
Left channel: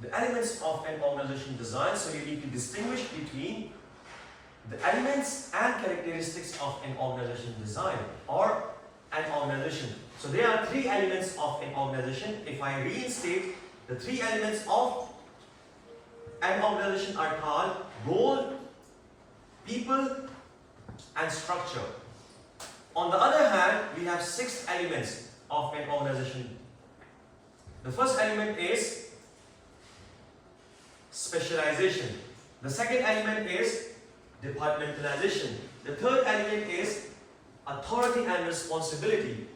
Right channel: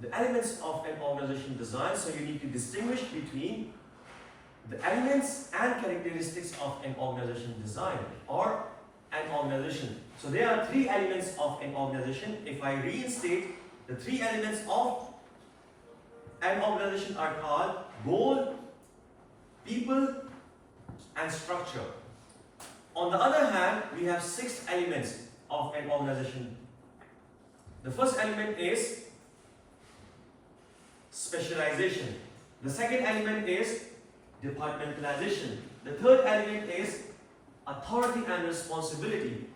the elements of an organization design. So you need to distinguish between the elements and characteristics of an organization design or an organization. So there are 3 elements of an organization. If I reinstate, the 3 elements of an organization are called goal, people and structure. On the other hand, we have 6 elements of an organization. The first element is specialization. The second element is departmentalization. The third element is authority and responsibility.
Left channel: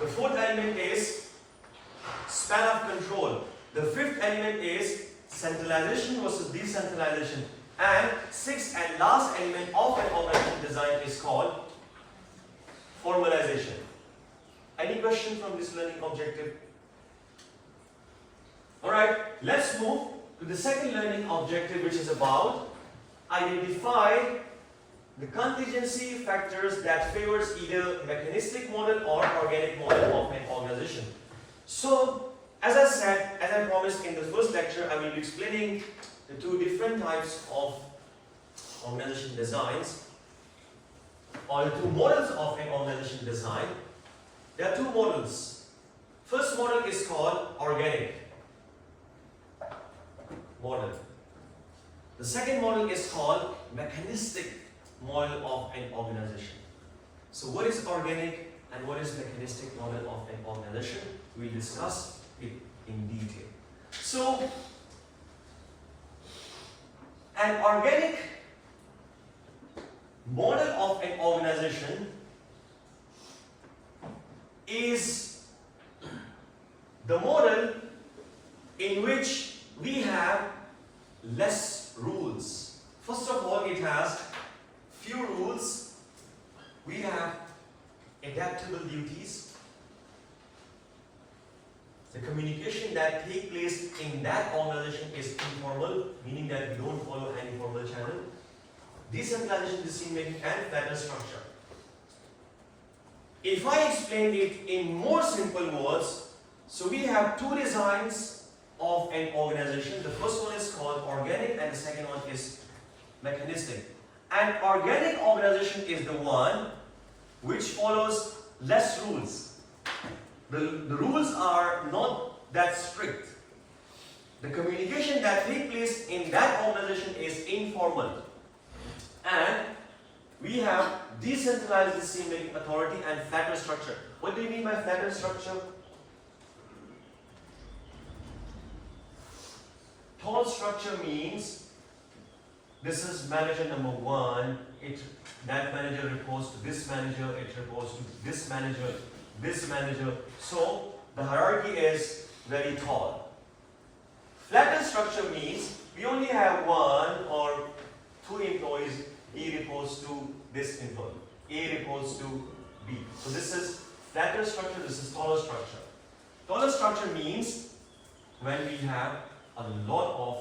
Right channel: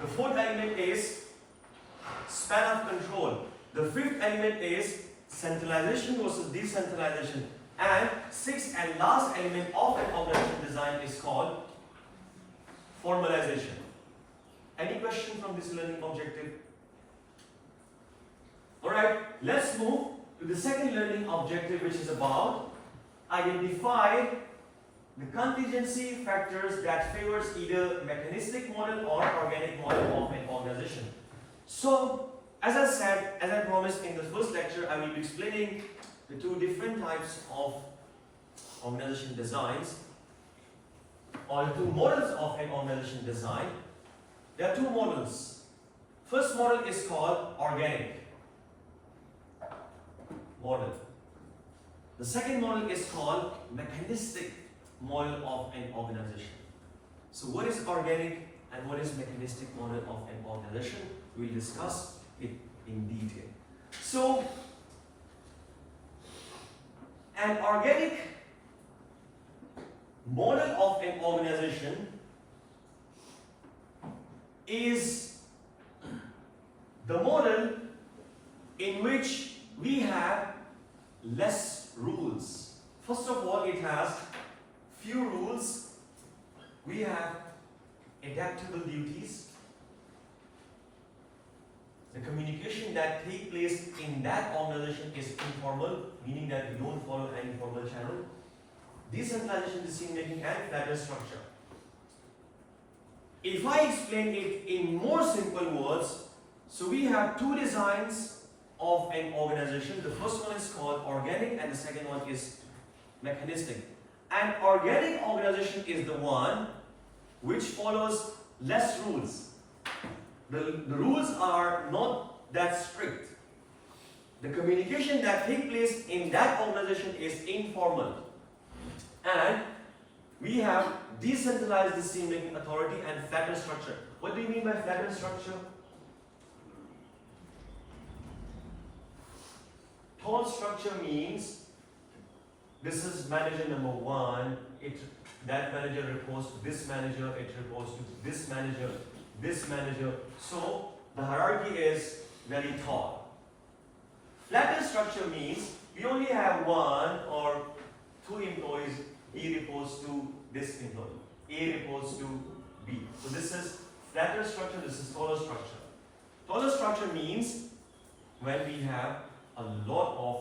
The fourth element is span of control. The fifth element is centralization versus decentralization. And sixth and last element of an organization design is called formalization. Any question from this learning objective? Alright, let's move to the second learning objective, which is about identify the contingency factors that favors either mechanistic model or organic model of an organization. So, as I said, as I promised in the first lecture, I will be explaining the 2 different types of organization designs, or the 2 models of an organization design. There are 2 models. First model is called organic model. The second model is called mechanistic model of an organization. So what is organic and what is mechanistic model of an organization? We'll discuss it in detail. So an organic model of an organization is the model in which we have less rules. First of all, it has few rules. We have adaptable duties. The communication that takes place in that organization is informal, meaning that we don't follow any formal channel. Decentralization, decision-making, and flatter structure. If I explain it in more simple words, so we have 2 designs of an organization. The first one is called organic and the second one is mechanistic. An organic organization is the one which follows less rules. The rules are not that strict. The communication that takes place in that organization is informal. And we have decentralized decision-making authority and flatter structure. What do you mean by flatter structure? Tall structure means this is manager number 1, that manager reports to this manager, it reports to this manager. So the hierarchy is very tall. Flatter structure means we only have 1 or 2 employees. A reports to this employee. A reports to B. So this is flatter structure, this is taller structure. Taller structure means when we have a lot of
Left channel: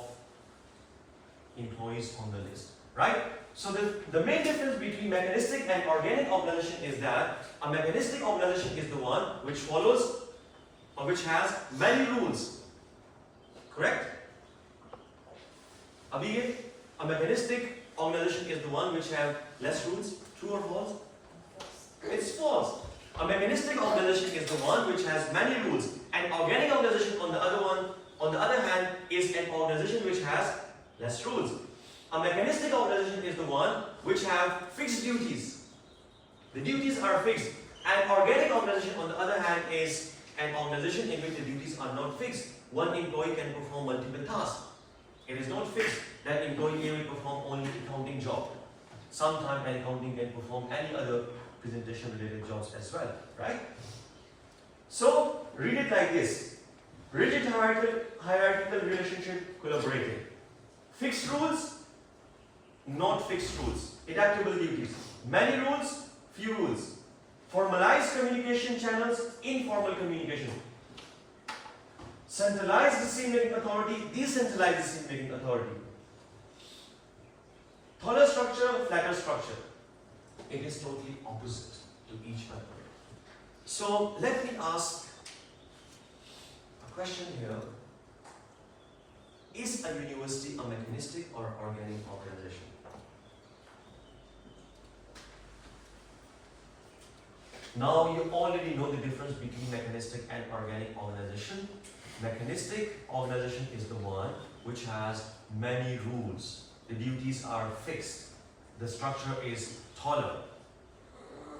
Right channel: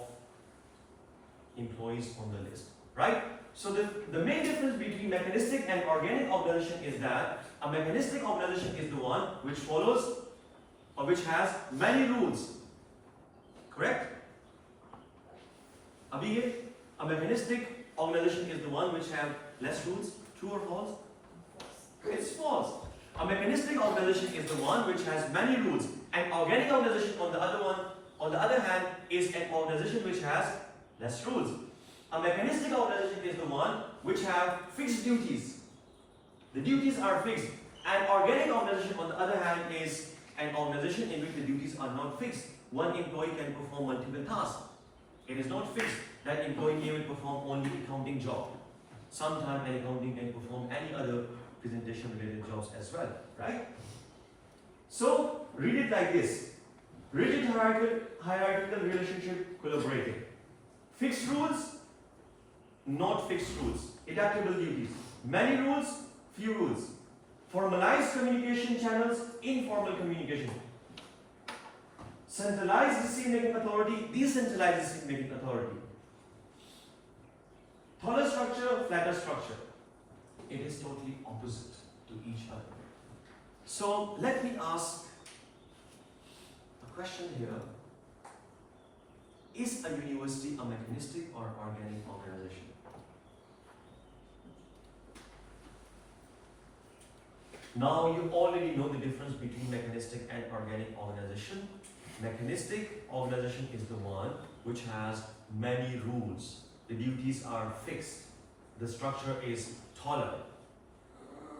employees on the list, right? So the main difference between mechanistic and organic organization is that a mechanistic organization is the one which follows or which has many rules, correct? Abhigay, a mechanistic organization is the one which have less rules, true or false? It's false. A mechanistic organization is the one which has many rules. An organic organization on the other hand, is an organization which has less rules. A mechanistic organization is the one which have fixed duties. The duties are fixed. An organic organization on the other hand is an organization in which the duties are not fixed. One employee can perform multiple tasks. It is not fixed. That employee may perform only accounting job. Sometimes an accounting can perform any other presentation related jobs as well, right? So read it like this. Rigid hierarchical relationship, collaborative. Fixed rules, not fixed rules. Adaptable duties. Many rules, few rules. Formalized communication channels, informal communication. Centralized decision-making authority, decentralized decision-making authority. Taller structure, flatter structure. It is totally opposite to each other. So let me ask a question here. Is a university a mechanistic or organic organization? Now you already know the difference between mechanistic and organic organization. Mechanistic organization is the one which has many rules. The duties are fixed. The structure is taller.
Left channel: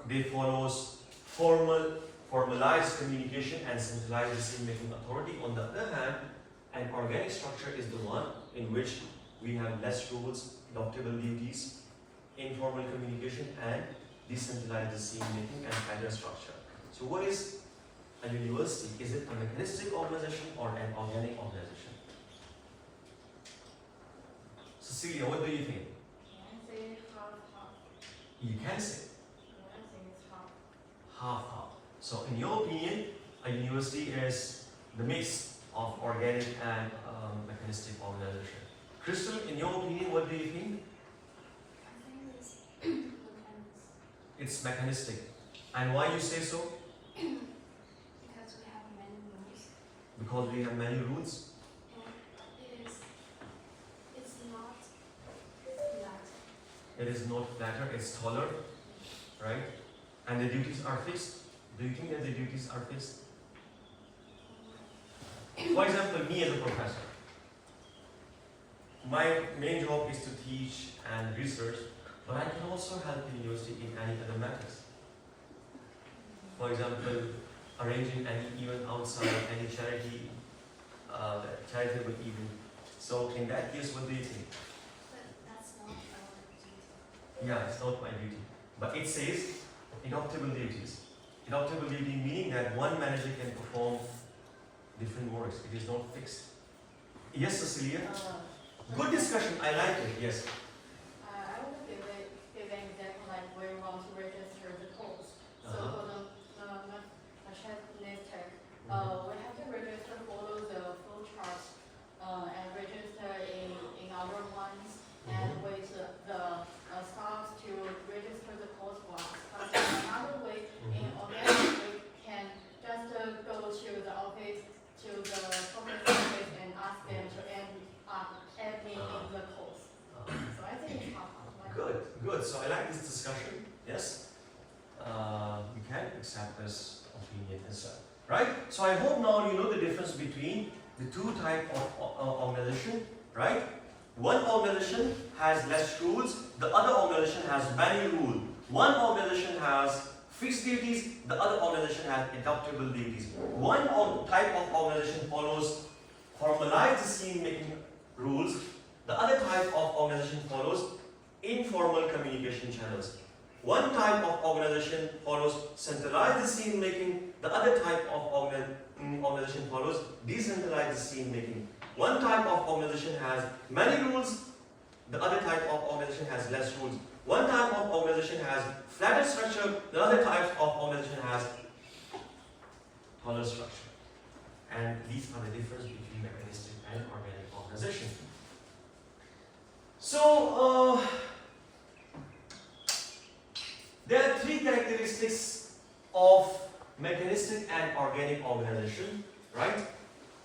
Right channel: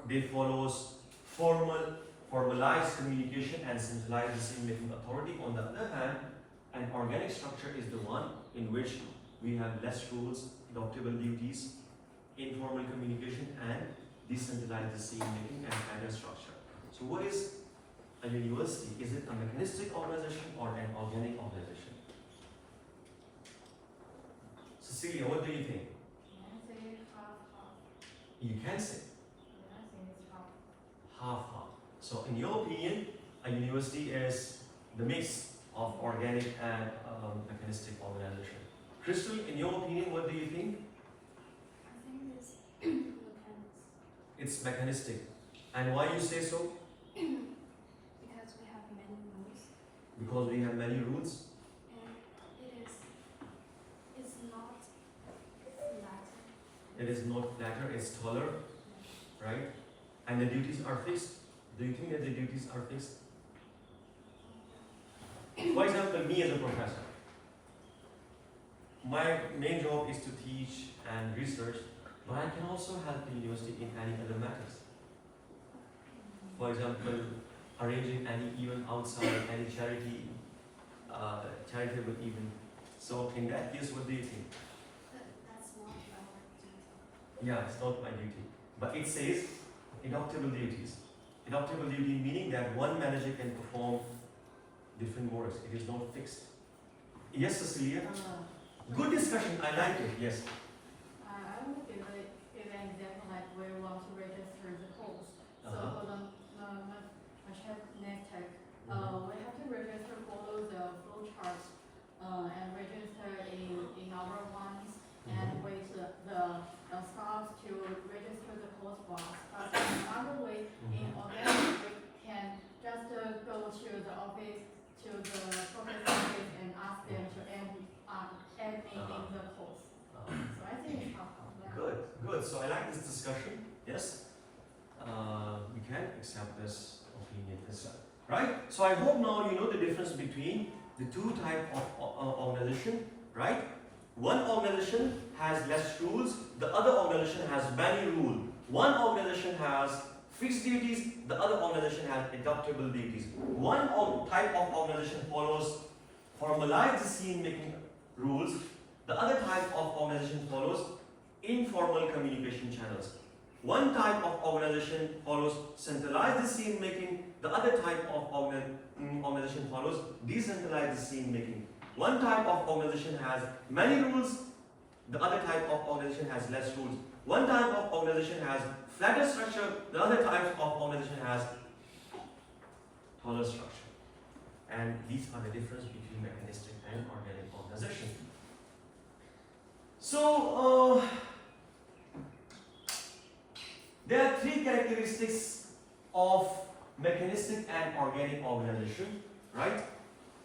They follows formalized communication and centralized decision-making authority. On the other hand, an organic structure is the one in which we have less rules, adoptable duties, informal communication, and decentralized decision-making and flatter structure. So what is a university? Is it a mechanistic organization or an organic organization? Cecilia, what do you think? Can I say half-half? You can say I think it's half. half-half. So in your opinion, a university is the mix of organic and mechanistic organization. Crystal, in your opinion, what do you think? I think it's mechanics. It's mechanistic. And why you say so? Because we have many rules Because we have many rules. and it's not flat. It is not flatter, it's taller, right? And the duties are fixed. Do you think that the duties are fixed? For example, me as a professor, my main job is to teach and research, but I can also help the university in any other matters. For example, arranging any event outside, any charity, charitable event. So in that case, what do you think? But that's not our duty. Yeah, it's not my duty. But it says adoptable duties. Adoptable duty meaning that one manager can perform different works. It is not fixed. Yes, Cecilia? Good discussion. I like it. Yes. I want to give an example like where you want to register the course. So for the mechanistic, we have to register, follow the flow chart, and register in our ones, and with the staff to register the course box. But in another way, in organic, we can just go to the office, to the corporate office, and ask them to add me in the course. So I think it's half-half. Good. Good. So I like this discussion. Yes. We can accept this opinion as well. Right? So I hope now you know the difference between the two types of organization. Right? One organization has less rules. The other organization has many rules. One organization has fixed duties. The other organization has adaptable duties. One type of organization follows formalized decision-making rules. The other type of organization follows informal communication channels. One type of organization follows centralized decision making. The other type of organization follows decentralized decision making. One type of organization has many rules. The other type of organization has less rules. One type of organization has flatter structure. The other type of organization has taller structure. And these are the difference between mechanistic and organic organization. So, there are three characteristics of mechanistic and organic organization, right?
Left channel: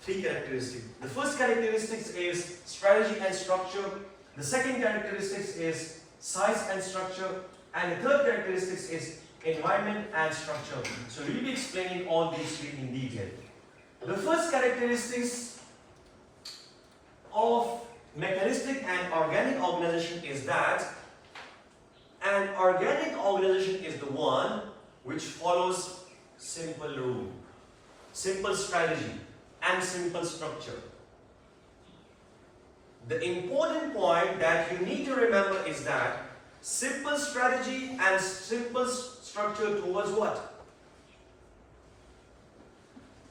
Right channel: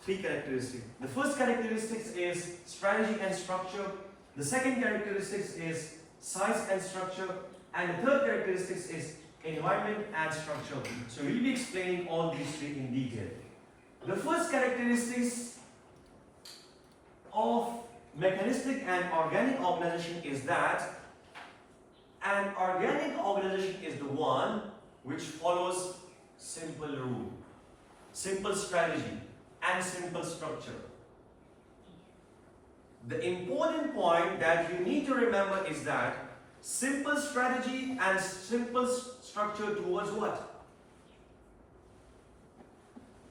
Three characteristics. The first characteristic is strategy and structure. The second characteristic is size and structure. And the third characteristic is environment and structure. So we'll be explaining all these three in detail. The first characteristics of mechanistic and organic organization is that an organic organization is the one which follows simple rule, simple strategy, and simple structure. The important point that you need to remember is that simple strategy and simple structure towards what?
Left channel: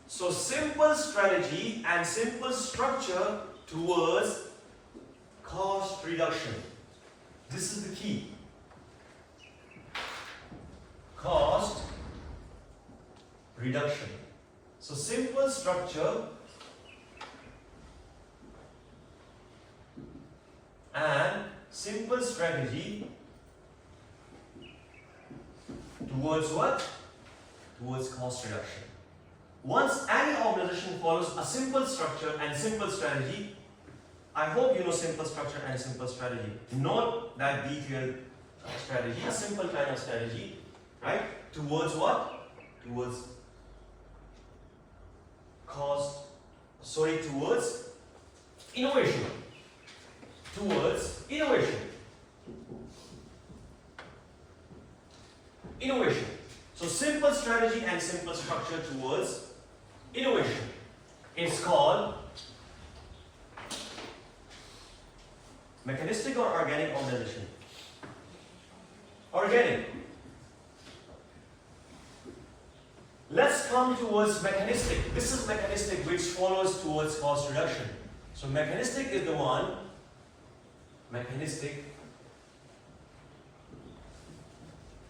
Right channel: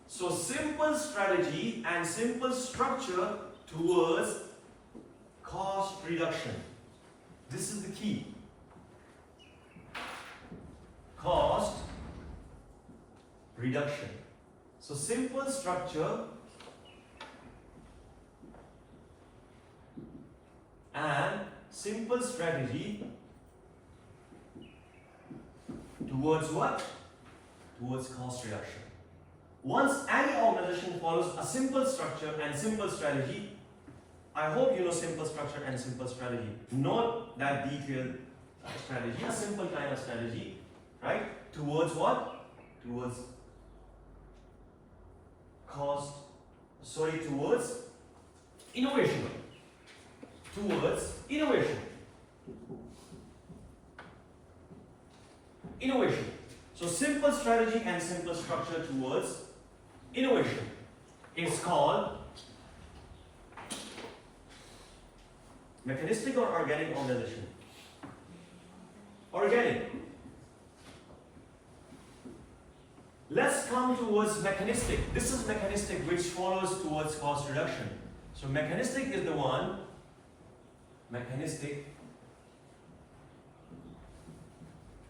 So simple strategy and simple structure towards cost reduction. This is the key. Cost reduction. So simple structure and simple strategy towards what? Towards cost reduction. Once any organization follows a simple structure and simple strategy, I hope you know simple structure and simple strategy. Not that detailed strategy, a simple kind of strategy, right? Towards what? Towards towards innovation. Towards innovation. Innovation. So simple strategy and simple structure towards innovation. It's called mechanistic or organic organization? Organic. Let's come towards mechanistic. This is mechanistic which follows towards cost reduction. So mechanistic is the one, mechanistic,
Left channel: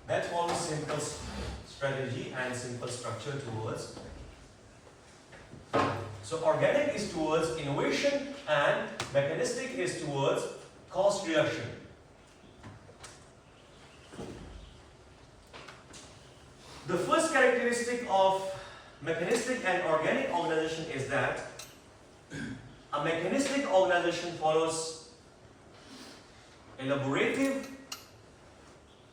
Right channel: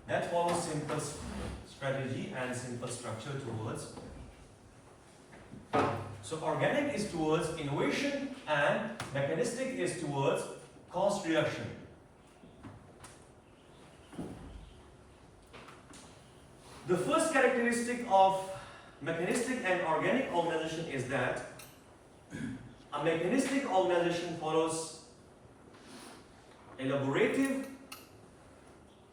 that follows simple strategy and simple structure towards. So organic is towards innovation and mechanistic is towards cost reduction. The first characteristic of mechanistic and organic organization is that a mechanistic organization follows elaborative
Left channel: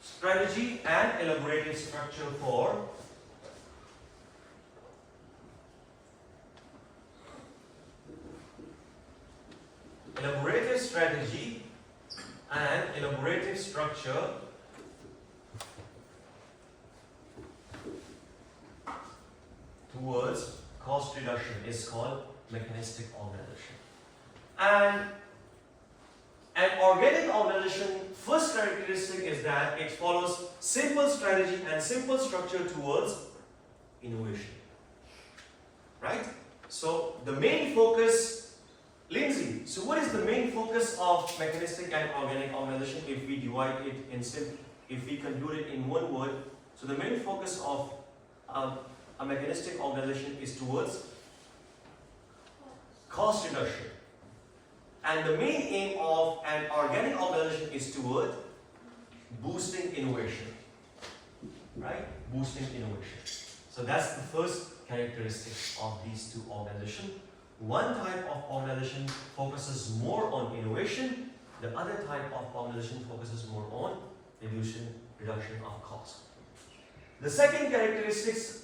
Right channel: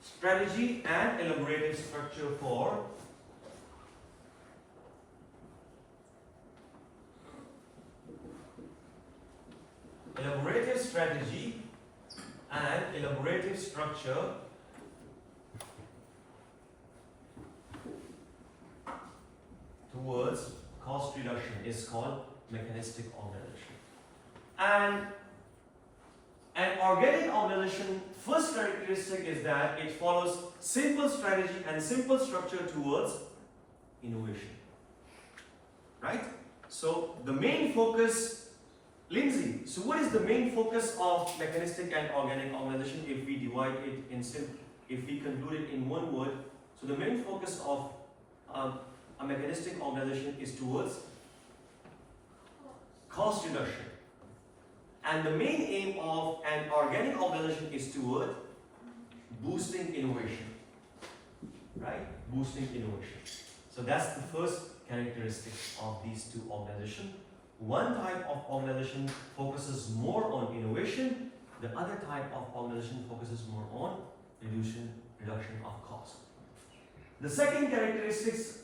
strategy and elaborative structure for elaborative strategy and elaborative structure towards cost reduction is called mechanistic organization. And an organic organization, first characteristic is that it follows simple strategy and simple structure towards innovation. Right? So the main focus, Lindsay, so what is the main focus of mechanistic and organic organization if we divide it in if we conclude it in one word? So the main focus of a mechanistic organization is towards cost reduction. And the main aim of an organic organization is toward boosting innovation. Right? Boosting innovation. So that's the first characteristic of these two organizations. One type of organization focuses more on innovation. The other type of organization focuses more on reduction of cost. The second characteristics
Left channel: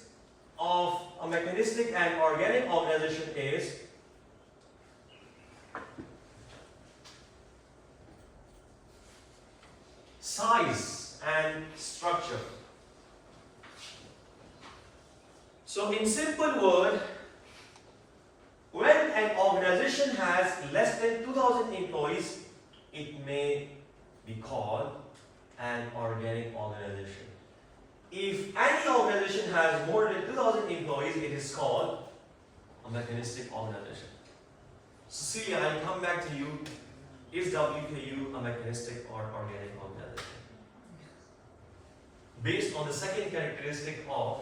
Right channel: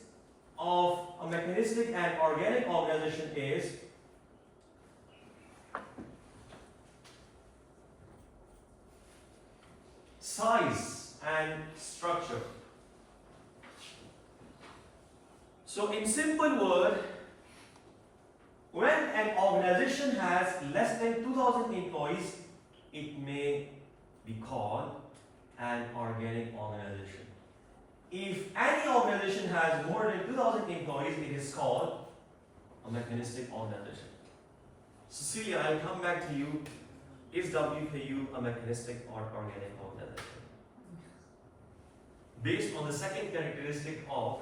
of a mechanistic and organic organization is size and structure. So in simple word, when an organization has less than 2,000 employees, it may be called an organic organization. If any organization has more than 2,000 employees, it is called a mechanistic organization. Cecilia, I'll come back to you. Is WKU a mechanistic or organic organization? Based on the second characteristic of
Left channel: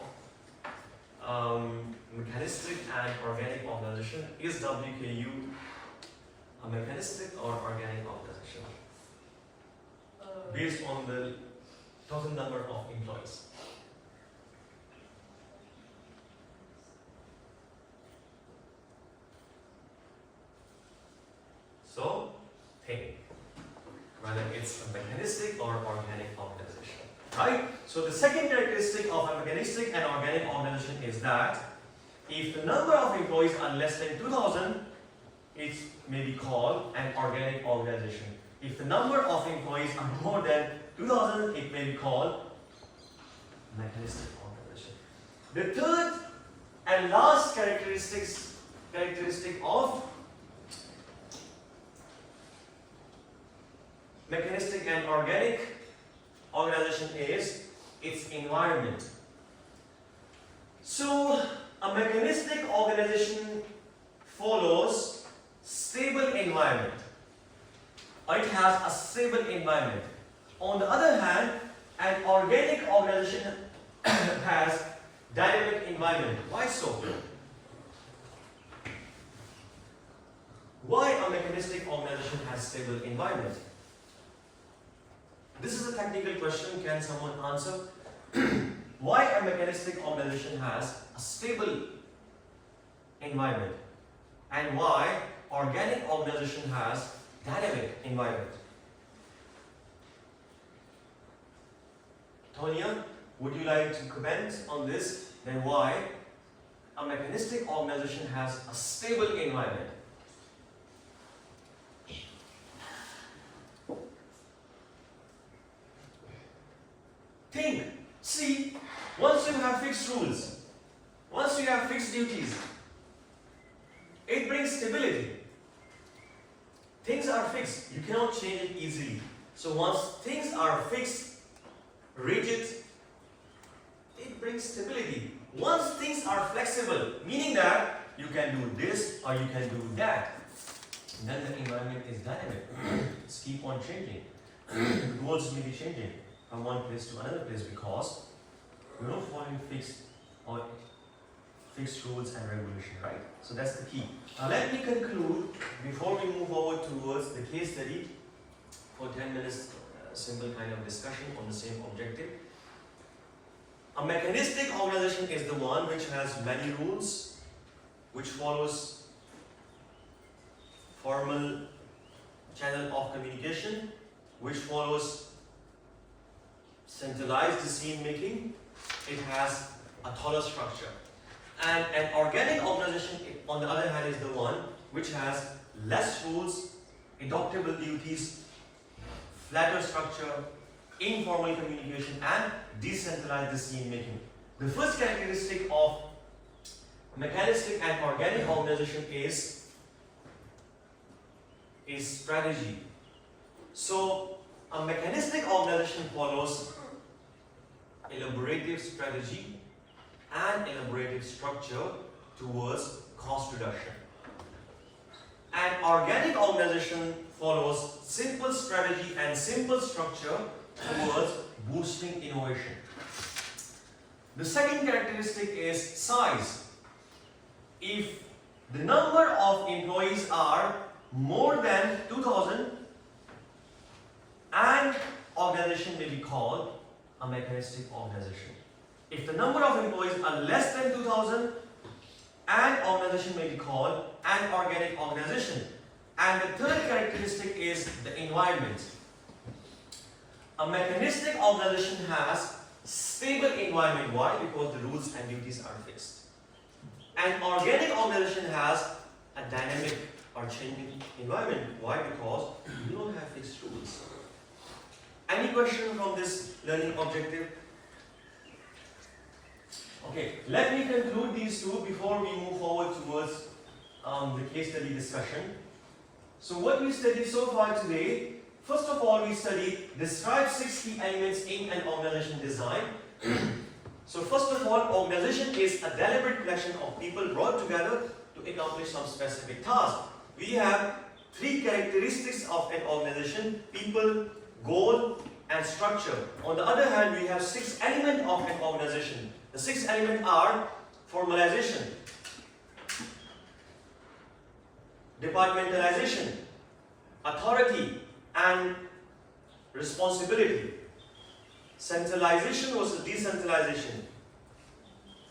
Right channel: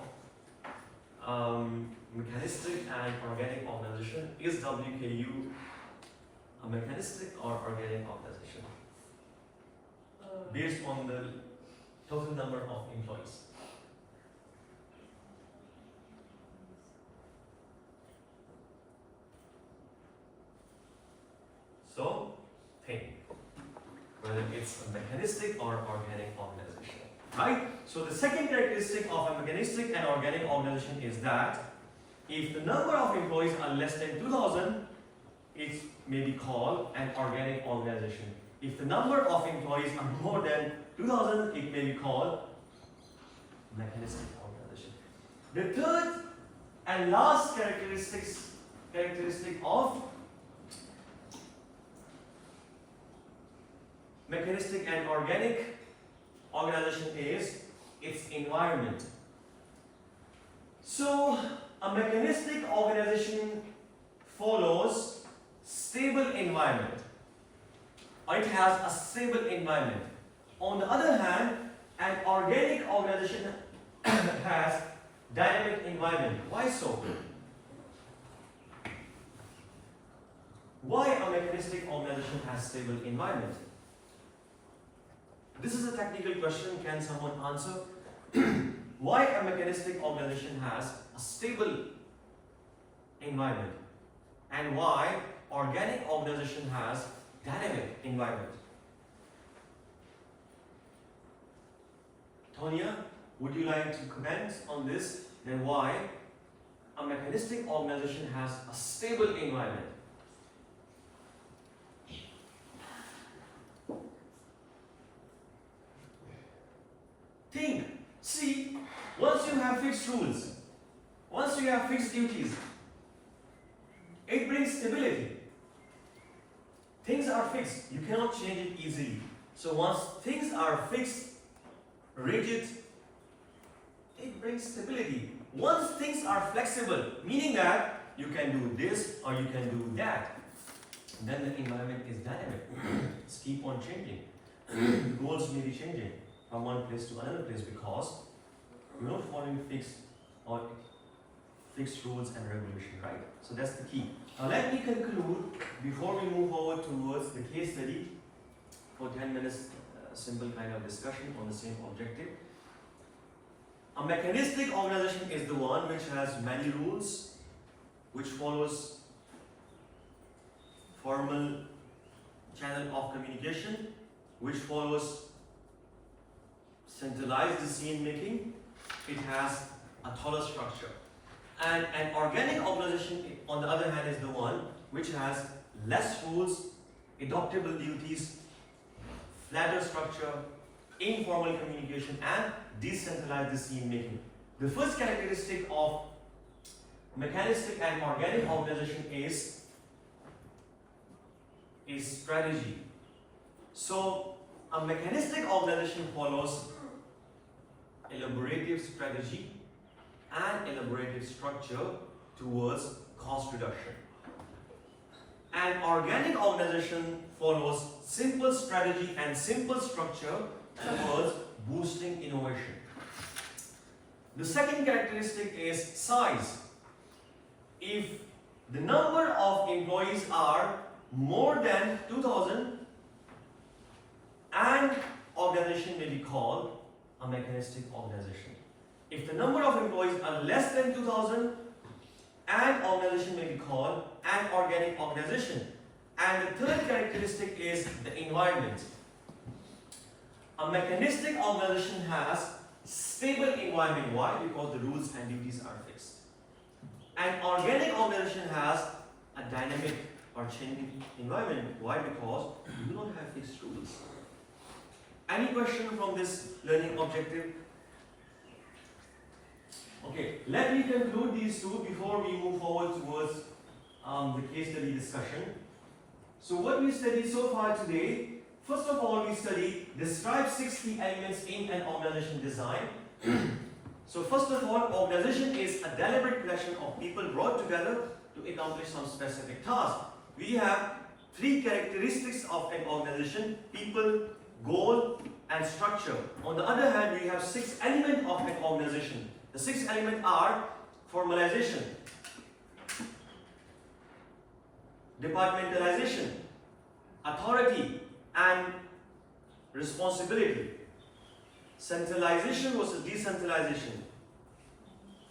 mechanistic and organic organization. Is WKU a mechanistic or organic organization based on the total number of employees? So, think whether it's a mechanistic or organic organization, right? So the second characteristic of a mechanistic and organic organization is that if the number of employees are less than 2,000, it may be called an organic organization. If the number of employees are more than 2,000, it may be called mechanistic organization. The third and last characteristic of mechanistic and organic organization is its environment. So, a mechanistic organization follows stable environment. It has a stable environment. On the other hand, an organic organization has dynamic environment. Why so? Why a mechanistic organization has stable environment? This is a technical question. Can someone answer? Why a mechanistic organization has a stable environment and why organic organization has dynamic environment? Tonya, would you like to comment on this? Then why a mechanistic organization has a stable environment? Think, see, once you have fixed rules, once you have fixed duties, it brings stability. Things are fixed, you cannot change it easily. So once things are fixed, rigid, it brings stability. Once things are flexible, meaning that you can do this or you can do that, then the environment is dynamic. It's keep on changing. The goals may be changing from one place to another place because you're not following fixed rules and regulation, right? So that's the key. Now let me conclude before we move forward towards the case study for 10 minutes, simple kind of discussion on the same objective. A mechanistic organization is the one which has many rules, which follows formal channel of communication, which follows centralized decision making. It has a taller structure. And an organic organization, on the other hand, is the one which has less rules, adoptable duties, flatter structure, informal communication, and decentralized decision making. The first characteristic of mechanistic and organic organization is strategy. So, a mechanistic organization follows elaborative strategy and elaborative structure towards cost reduction. An organic organization follows simple strategy and simple structure towards boosting innovation. The second characteristic is size. If the number of employees are more than 2,000, an organization may be called a mechanistic organization. If the number of employees are less than 2,000, an organization may be called an organic organization. And the third characteristic is the environment. A mechanistic organization has stable environment. Why? Because the rules and duties are fixed. An organic organization has a dynamic or changing environment. Why? Because you don't have fixed rules. Any question from this learning objective? Okay, let me conclude these two before we move forward towards the case study discussion. So what we studied so far today, first of all we studied describe 6 key elements in an organization design. So first of all, organization is a deliberate collection of people brought together to accomplish some specific task. We have 3 characteristics of an organization: people, goal, and structure. On the other hand, we have 6 elements of an organization. The 6 elements are: formalization, departmentalization, authority and responsibility. Centralization versus decentralization,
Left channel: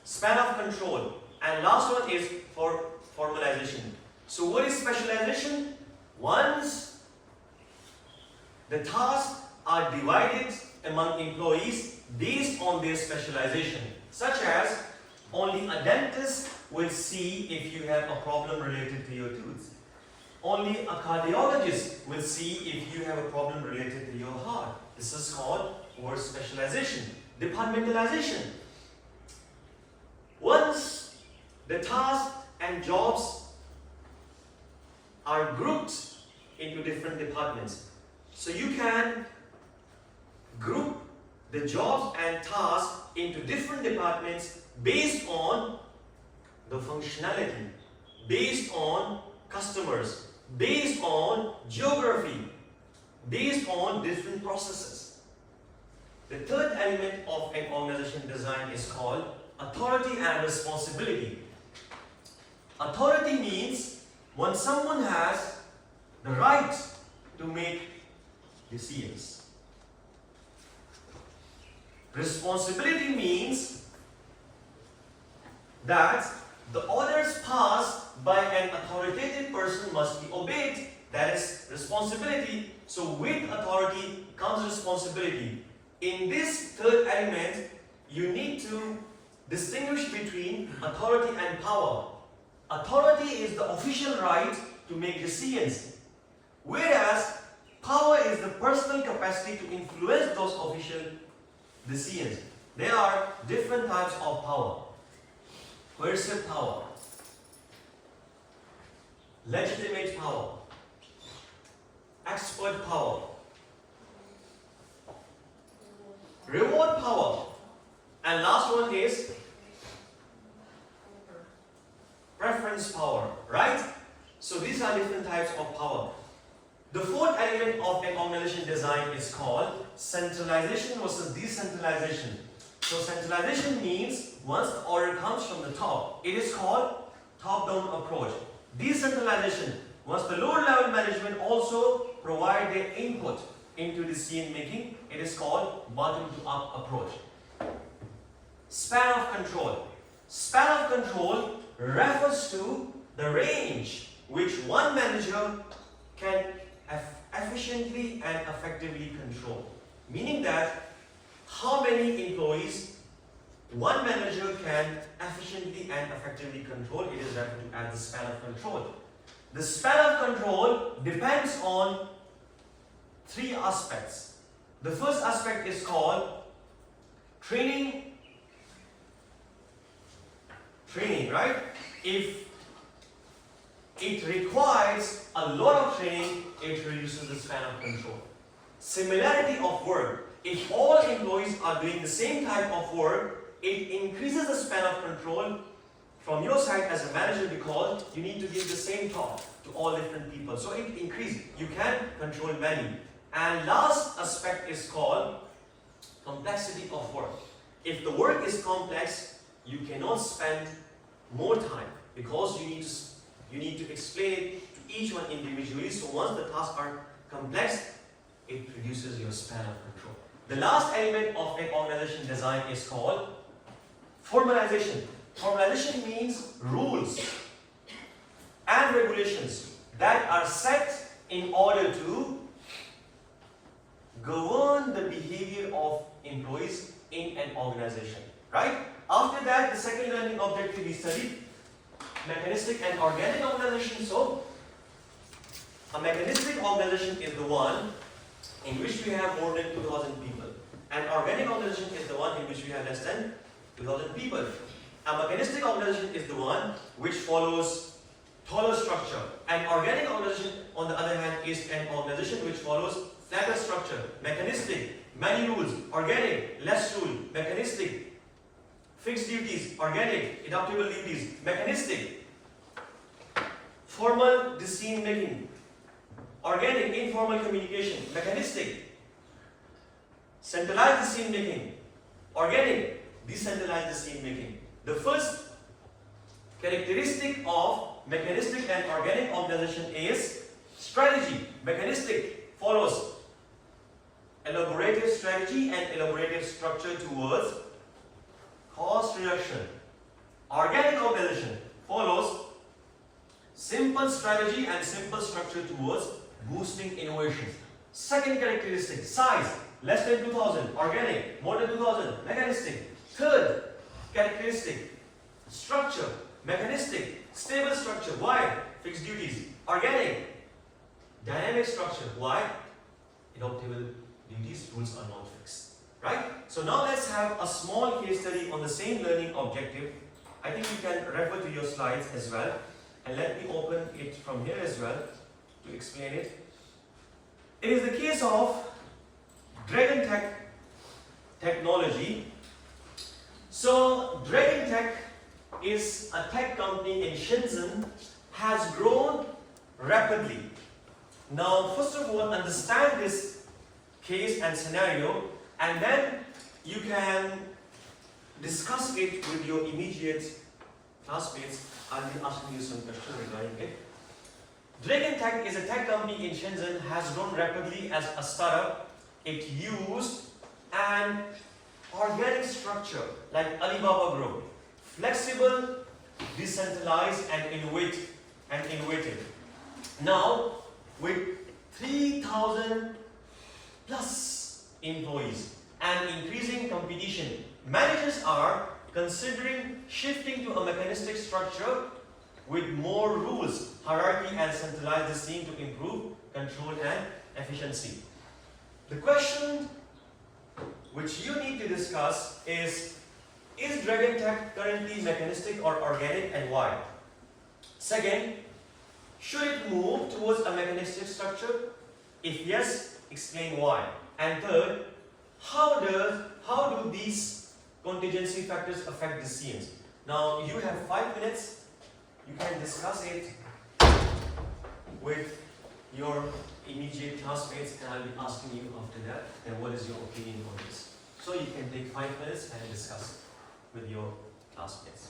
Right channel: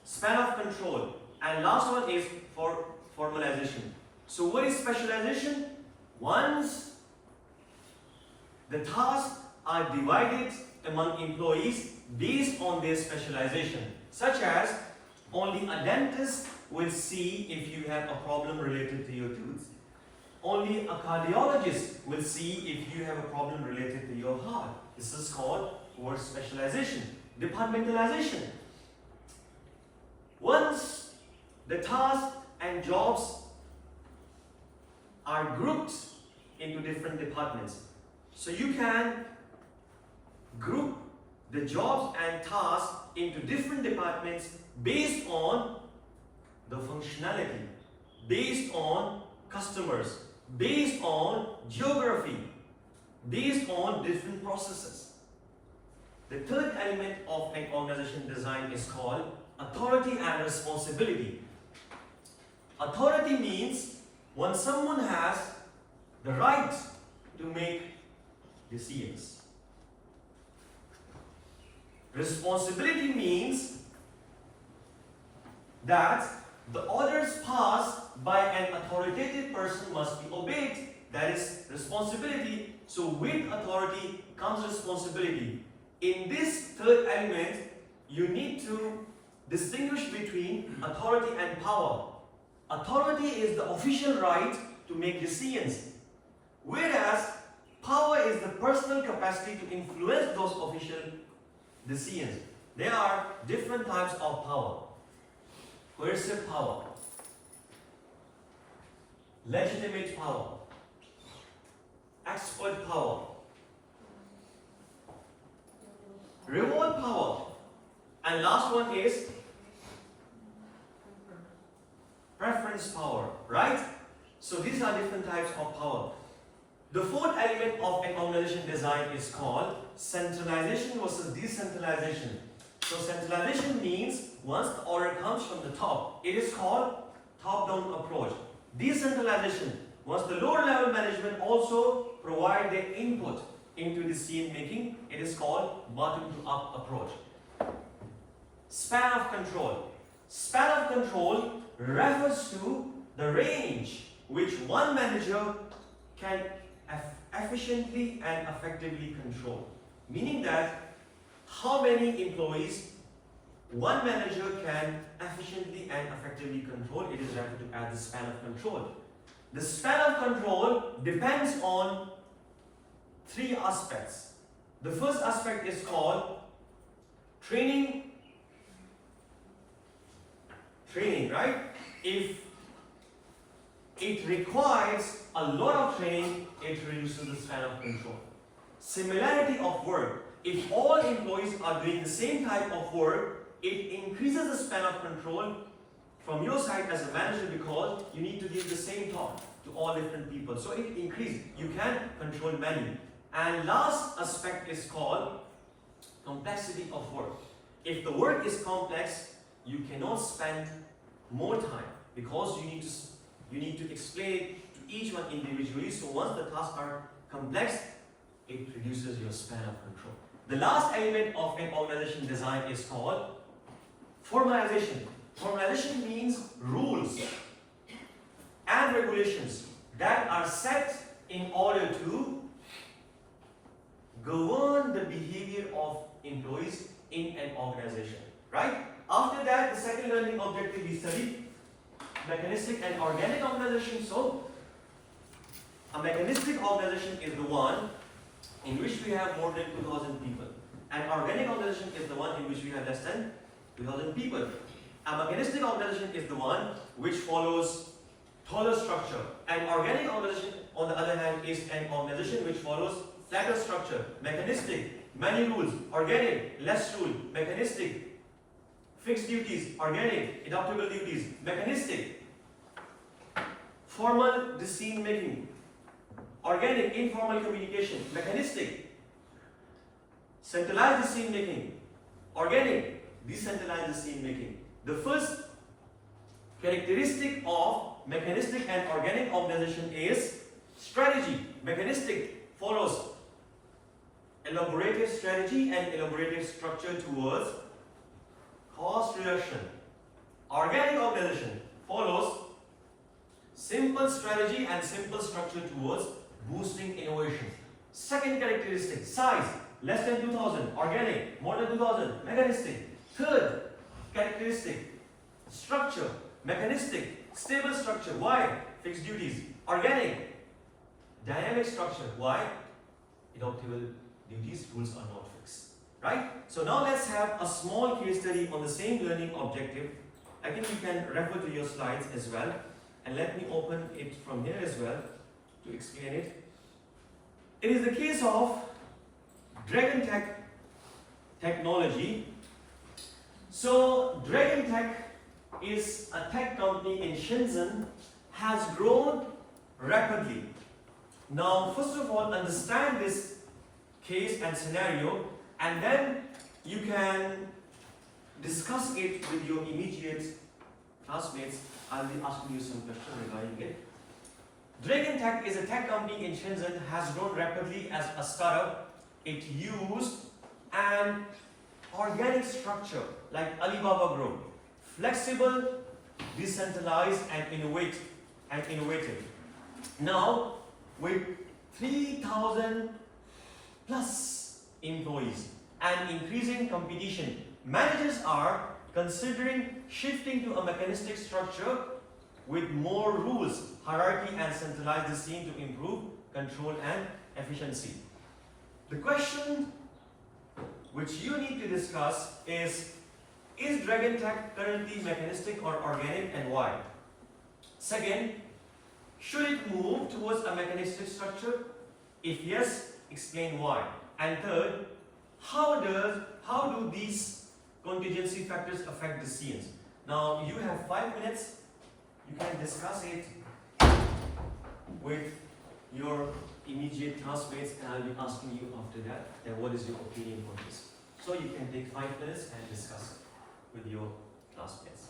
span of control, and last one is for formalization. So what is specialization? Once the tasks are divided among employees based on their specialization, such as only a dentist will see if you have a problem related to your tooth. Only a cardiologist will see if you have a problem related to your heart. This is called word specialization. Departmentalization. Once the tasks and jobs are grouped into different departments, so you can group the jobs and tasks into different departments based on the functionality, based on customers, based on geography, based on different processes. The third element of an organization design is called authority and responsibility. Authority means when someone has the right to make decisions. Responsibility means that the orders passed by an authoritative person must be obeyed. That is responsibility. So with authority comes responsibility. In this third element, you need to distinguish between authority and power. Authority is the official right to make decisions, whereas power is the personal capacity to influence those official decisions. There are different types of power. Coercive power, legitimate power, expert power, reward power, and last one is preference power, right? So these are different types of power. The fourth element of an organization design is called centralization versus decentralization. So centralization means once the order comes from the top, it is called top-down approach. Decentralization, once the lower level management also provide their input into decision making, it is called bottom-to-up approach. Span of control. Span of control refers to the range which one manager can efficiently and effectively control. Meaning that how many employees one manager can efficiently and effectively control, it is referred to as the span of control. The span of control depends on three aspects. The first aspect is called training, right? If it requires a lot of training, it reduces the span of control. Similarity of work. If all employees are doing the same type of work, it increases the span of control from your side as a manager because you need to give the same talk to all different people. So it increases. You can control many. And last aspect is called complexity of work. If the work is complex, you cannot spend more time because you need to explain it to each one individually. So once the tasks are complex, it reduces your span of control. The last element of an organization design is called formalization. Formalization means rules and regulations that are set in order to govern the behavior of employees in an organization, right? After that, the second learning objective we studied mechanistic and organic organization. So a mechanistic organization is the one in which we have more than 2,000 people. An organic organization is the one in which we have less than 2,000 people. A mechanistic organization is the one which follows taller structure. An organic organization, on the other hand, is an organization which follows flatter structure. Mechanistic, many rules. Organic, less rule. Mechanistic, fixed duties. Organic, adaptable duties. Mechanistic, formal decision making. Organic, informal communication. Mechanistic, centralized decision making. Organic, decentralized decision making. The first characteristic of mechanistic and organic organization is strategy. Mechanistic follows elaborative strategy and elaborative structure towards cost reduction. Organic organization follows simple strategy and simple structure towards boosting innovation. Second characteristic, size, less than 2000, organic, more than 2000, mechanistic. Third characteristic, structure, mechanistic, stable structure. Why? Fixed duties. Organic, dynamic structure. Why? Adaptable duties, rules are not fixed. Right? So now let's have a small case study on the same learning objective. I think you can refer to your slides as well. And let me open it from here as well to explain it. It is the case of Dragon Tech technology. So Dragon Tech is a tech company in Shenzhen, has grown rapidly. Now, first of all, understand this case and scenario, and then you can discuss it with your immediate classmates. I'll be asking you some questions regarding it. Dragon Tech is a tech company in Shenzhen, has grown rapidly as a startup. It used an organic structure like Alibaba Group, flexible, decentralized, and innovative. Now, with 3,000 plus employees and increasing competition, managers are considering shifting to a mechanistic structure with more rules, hierarchy, and centralize the scene to improve control and efficiency. The question which you need to discuss is Dragon Tech currently mechanistic or organic, and why? Second, should it move towards a mechanistic structure? If yes, explain why. And third, how do these contingency factors affect the scenes? Now you have 5 minutes. You can discuss it with your immediate classmates, and I'll be asking you after that, then what is your opinion on this? So you can take 5 minutes and discuss it with your classmates.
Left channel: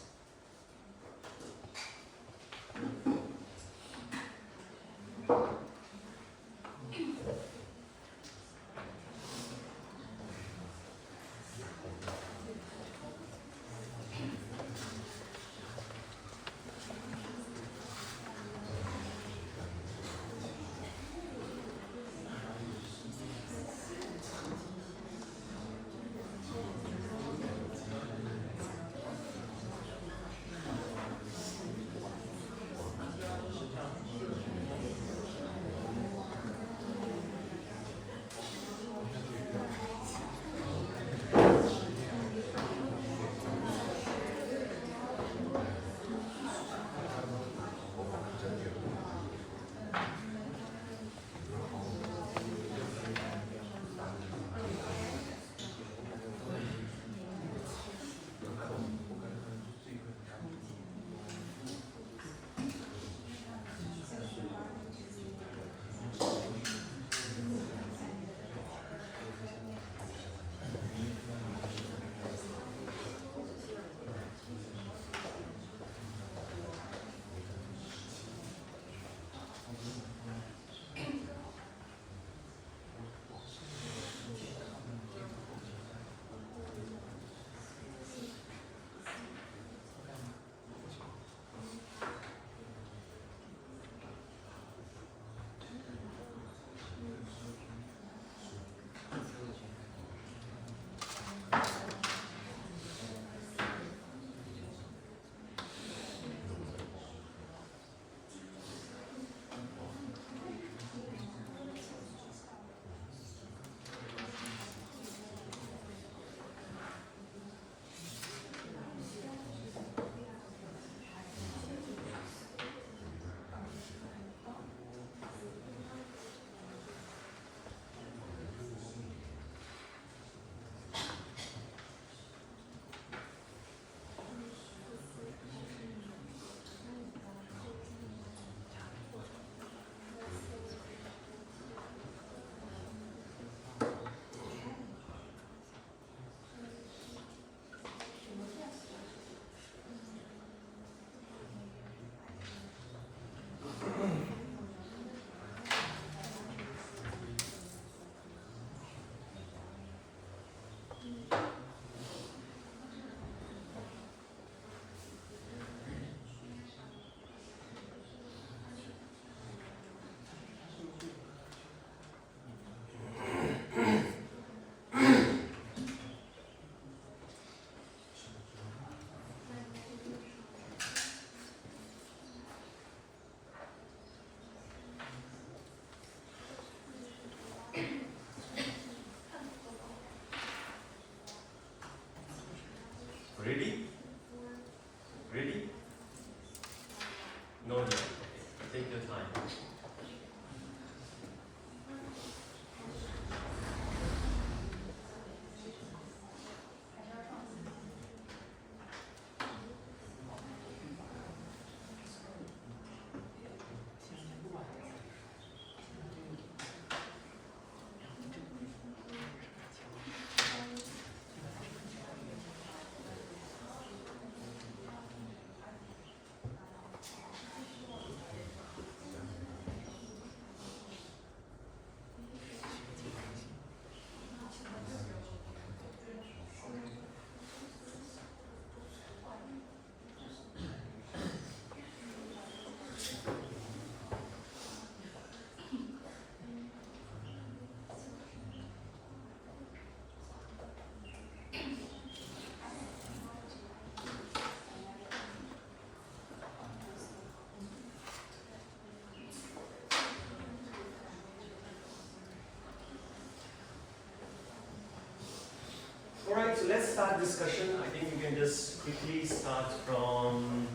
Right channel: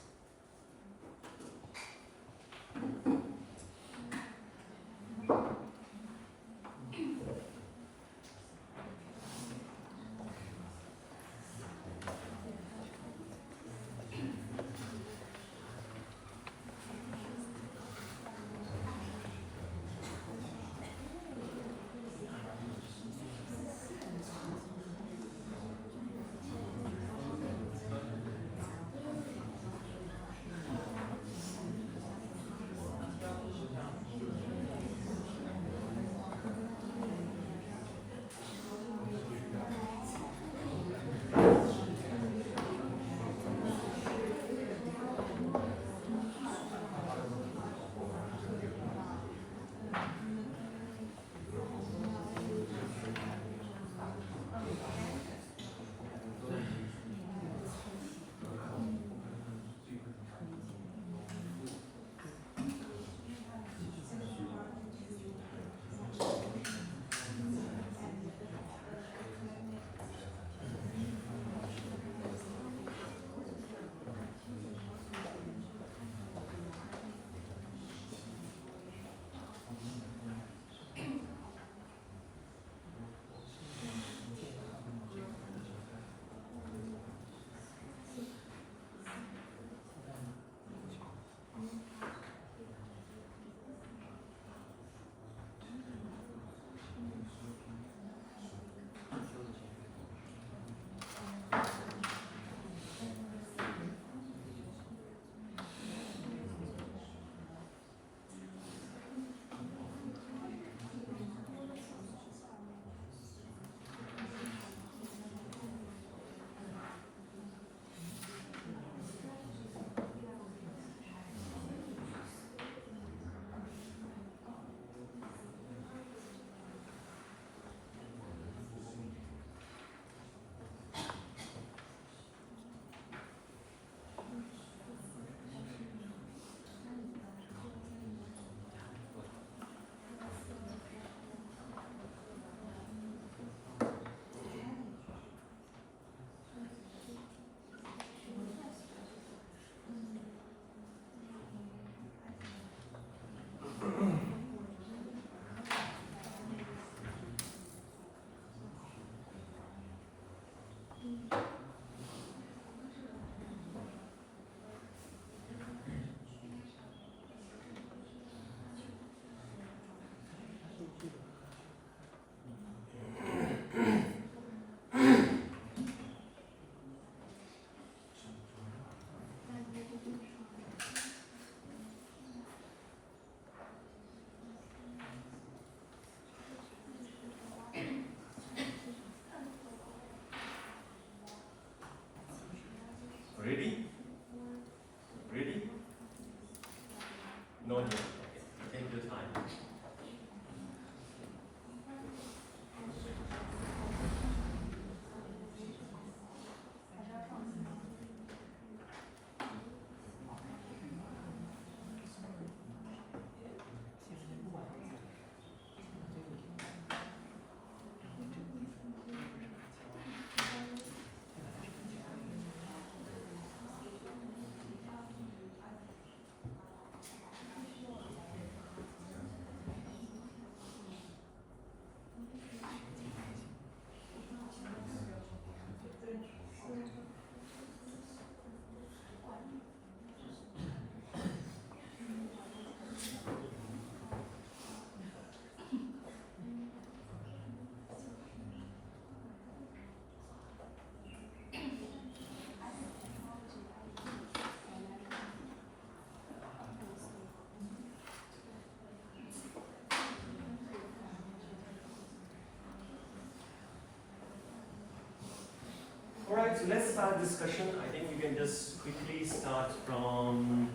so let's start discussion. I think we can just quickly start from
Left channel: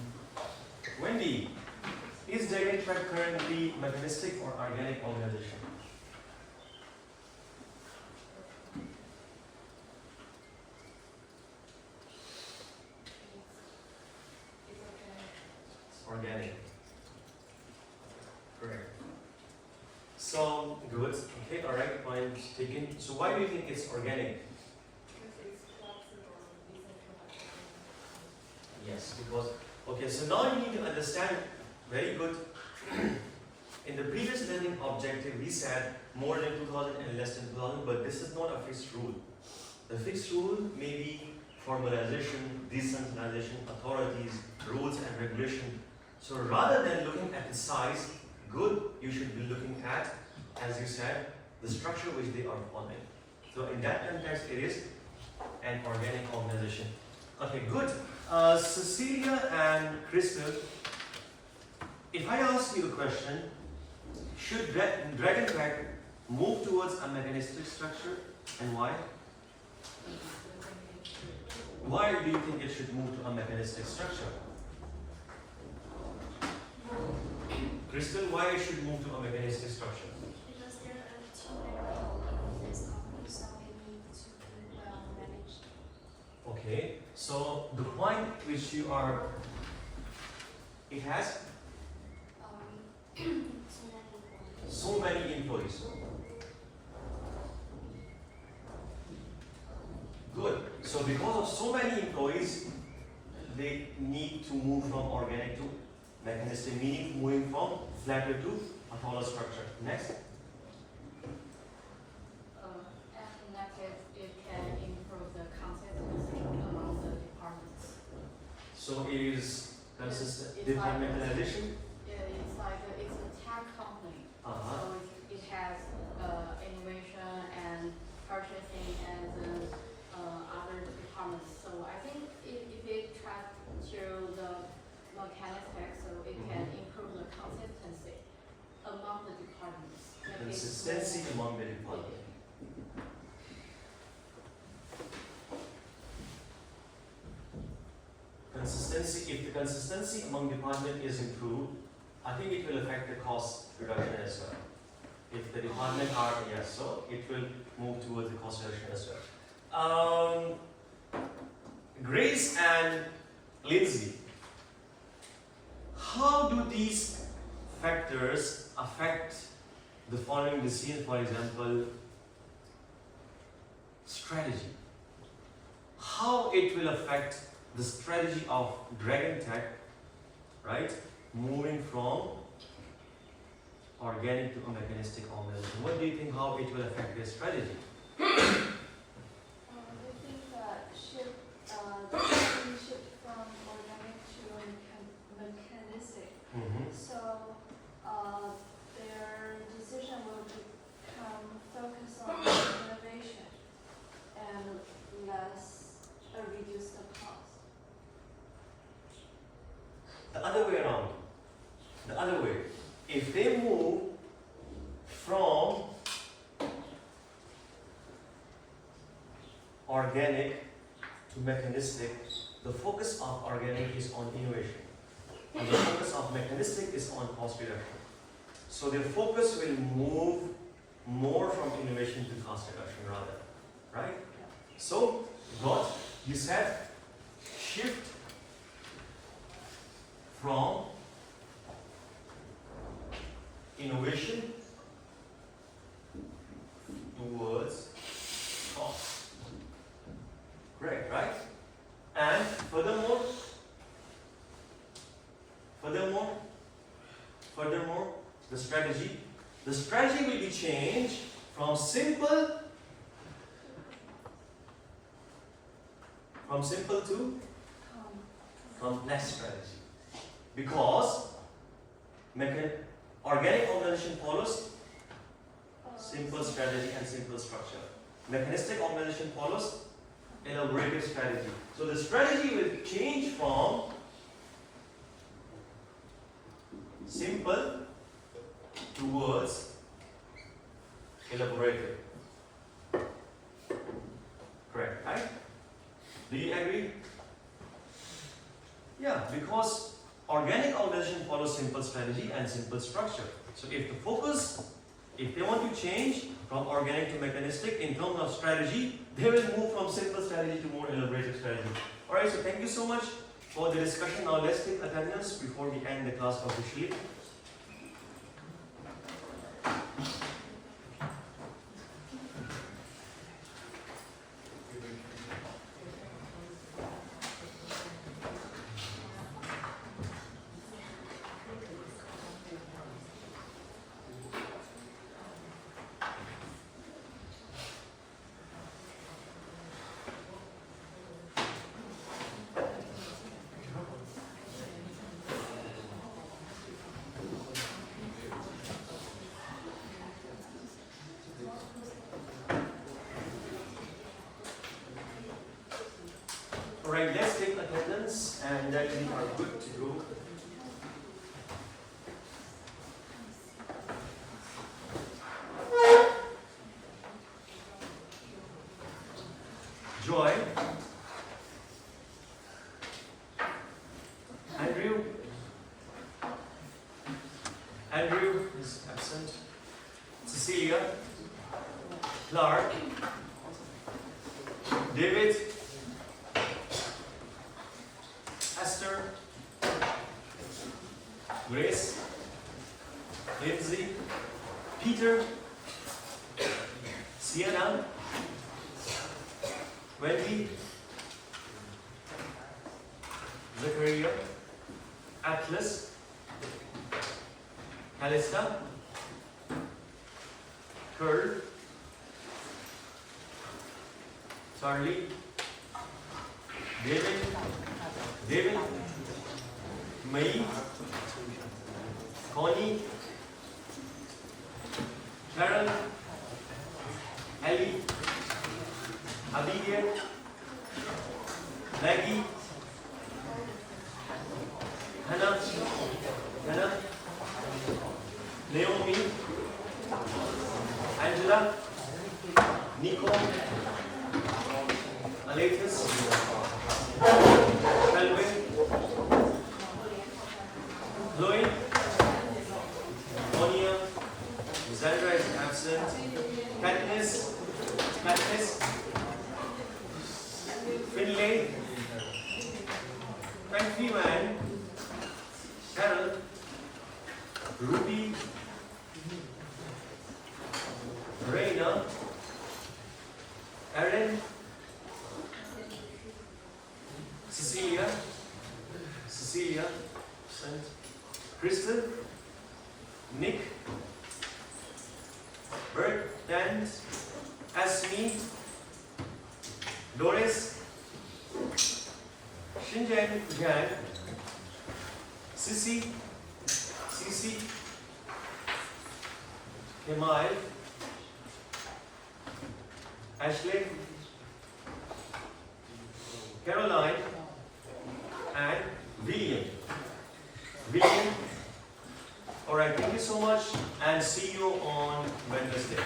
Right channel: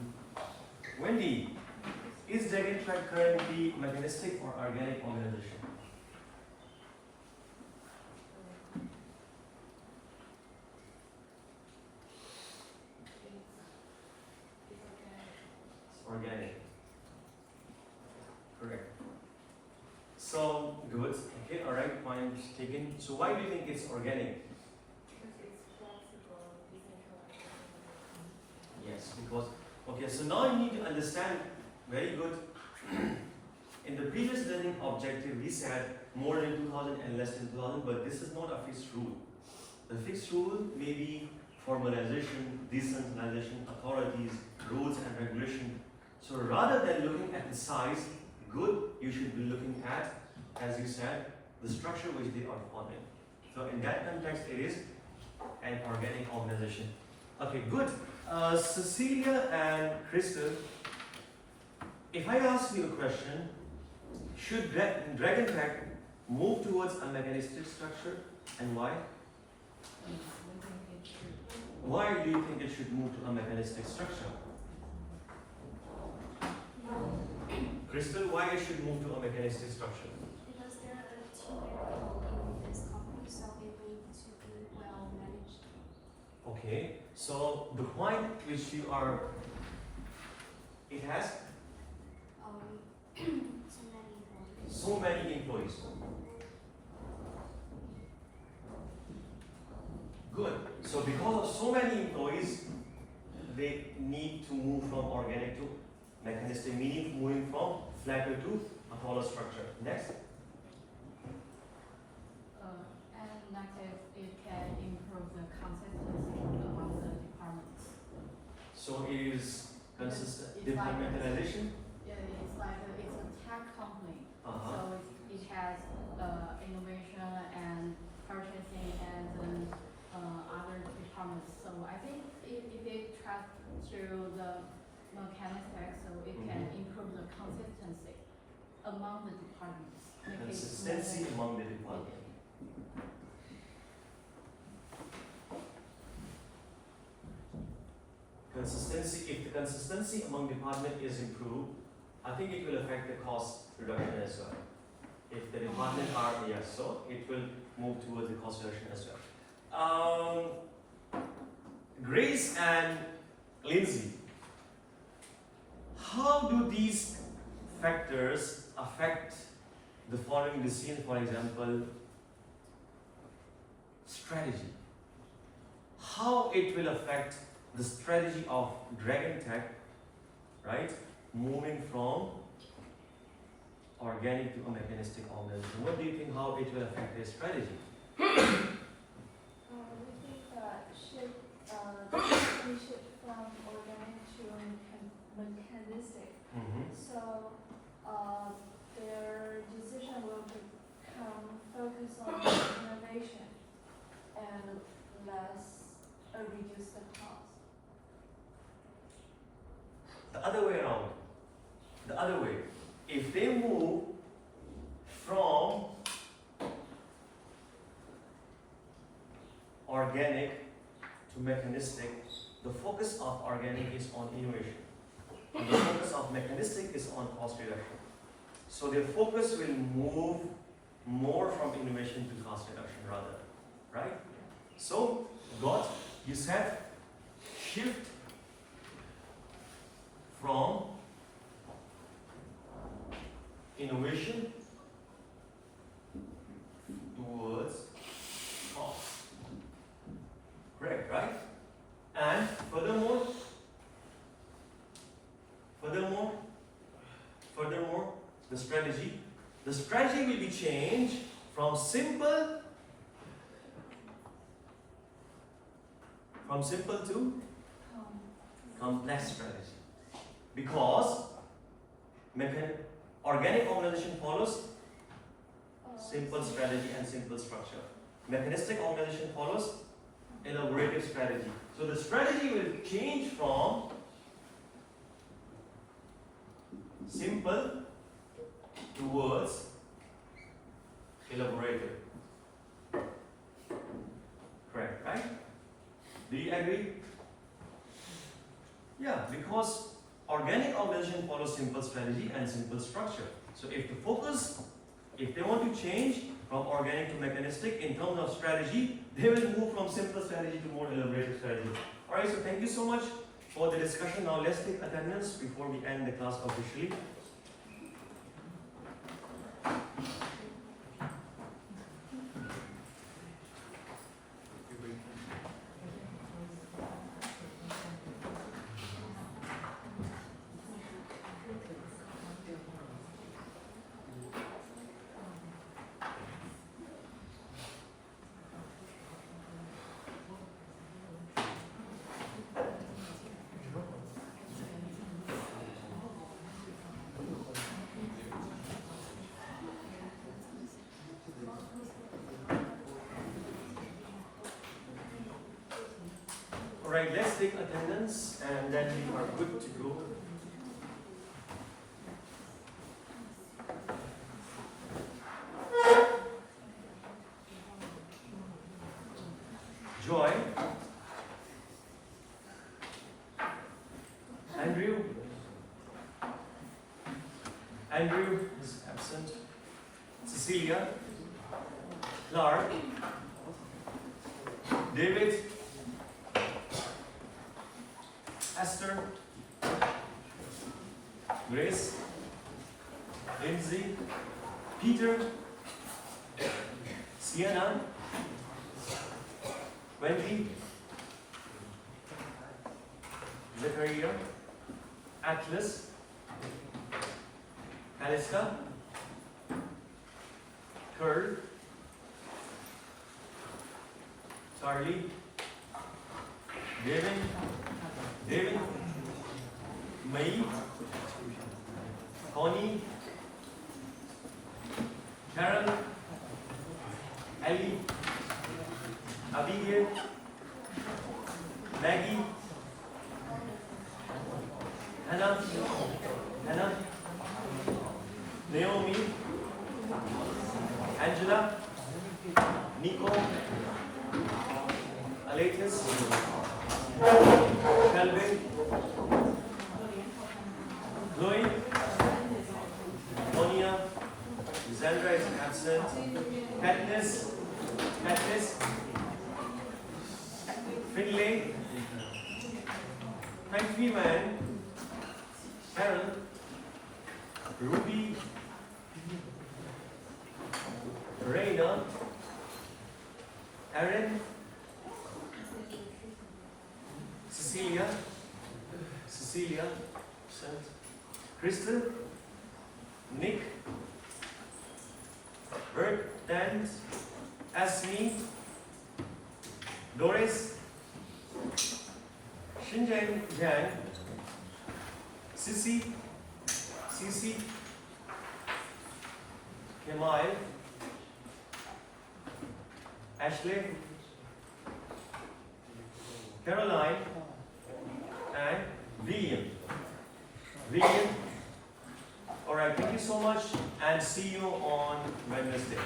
Wendy. Is Dragon Track currently mechanistic or organic organization? It's organic. Correct. So good. Okay. All right. Point taken. So why do you think it's organic? Yes, because okay. So now you need to understand. Very good. In the previous learning objective, we said more than 2000 and less than 2000, but this is not a fixed rule. The fixed rule may be formalization, decentralization, authorities, rules, and regulation. So rather than looking at the size, good, you should be looking at, as you said, the structure which they are following. So in that context, it is an organic organization. Okay, good. Cecilia and Crystal, if I ask you a question, should Dragon Track move towards a mechanistic structure, and why? Why do you think it should move to a mechanistic structure? Crystal, why it should move to a mechanistic structure? Because there are too many people in this company, so it needs to be well managed. Okay, so the point which you are, it has So many employees. so many employees. Good. So because of so many employees, they need to move from organic to mechanistic, meaning moving from flatter to a hollow structure. Next. And in that case, it can improve the consistency among the departments. So it is consistent It's like departmentalization. It's like it's a tech company, so it has innovation and purchasing and other departments. So I think if it tracks to the mechanistic, so it can improve the consistency among the departments. Make it Consistency more- among the departments. Consistency, if the consistency among department is improved, I think it will affect the cost reduction as well. If the department are, yes, so it will move towards the cost reduction as well. Grace and Lindsay, how do these factors affect the following decision? For example, strategy. How it will affect the strategy of Dragon Tech, right? Moving from organic to a mechanistic organization. What do you think? How it will affect their strategy? We think that the company shift from organic to mechanistic. So their decision will become focused on innovation and reduce the cost. The other way around. The other way. If they move from organic to mechanistic, the focus of organic is on innovation. And the focus of mechanistic is on cost reduction. So their focus will move more from innovation to cost reduction rather. Right? So, what you said, shift from innovation towards cost. Right? And furthermore, the strategy will be changed from simple to complex strategy, because organic organization follows simple strategy and simple structure. Mechanistic organization follows elaborative strategy. So the strategy will change from simple towards elaborative. Correct, right? simple strategy and simple structure. So if the focus, if they want to change from organic to mechanistic in terms of strategy, they will move from simple strategy to more elaborated strategy. Alright, so thank you so much for the discussion. Now let's take attendance before we end the class officially. Alright, let's take attendance and then we are good to go. Joy. Andrew. Andrew is absent. Cecilia. Clark. David. Esther, Grace, Lindsay, Peter, Sienna, Wendy, Zachariah, Atlas, Alista, Curl, Charlie, David, May, Connie, Karen, Ali, Abigail, Maggie, Hannah, Naomi, Angela, Nico, Alexis, Kelvin, Chloe, Tonia, Sandra is absent, Katniss, Finlay, Frank Freeman, Carol, Ruby, Reina, Erin, Cecilia, Crystal, Nick, Bert, Dan, Asmi, Doris, Xinjiang, Jan, Sissy, Kemal, Ashley, Caroline, and William. Alright, thank you so much and see you on Wednesday.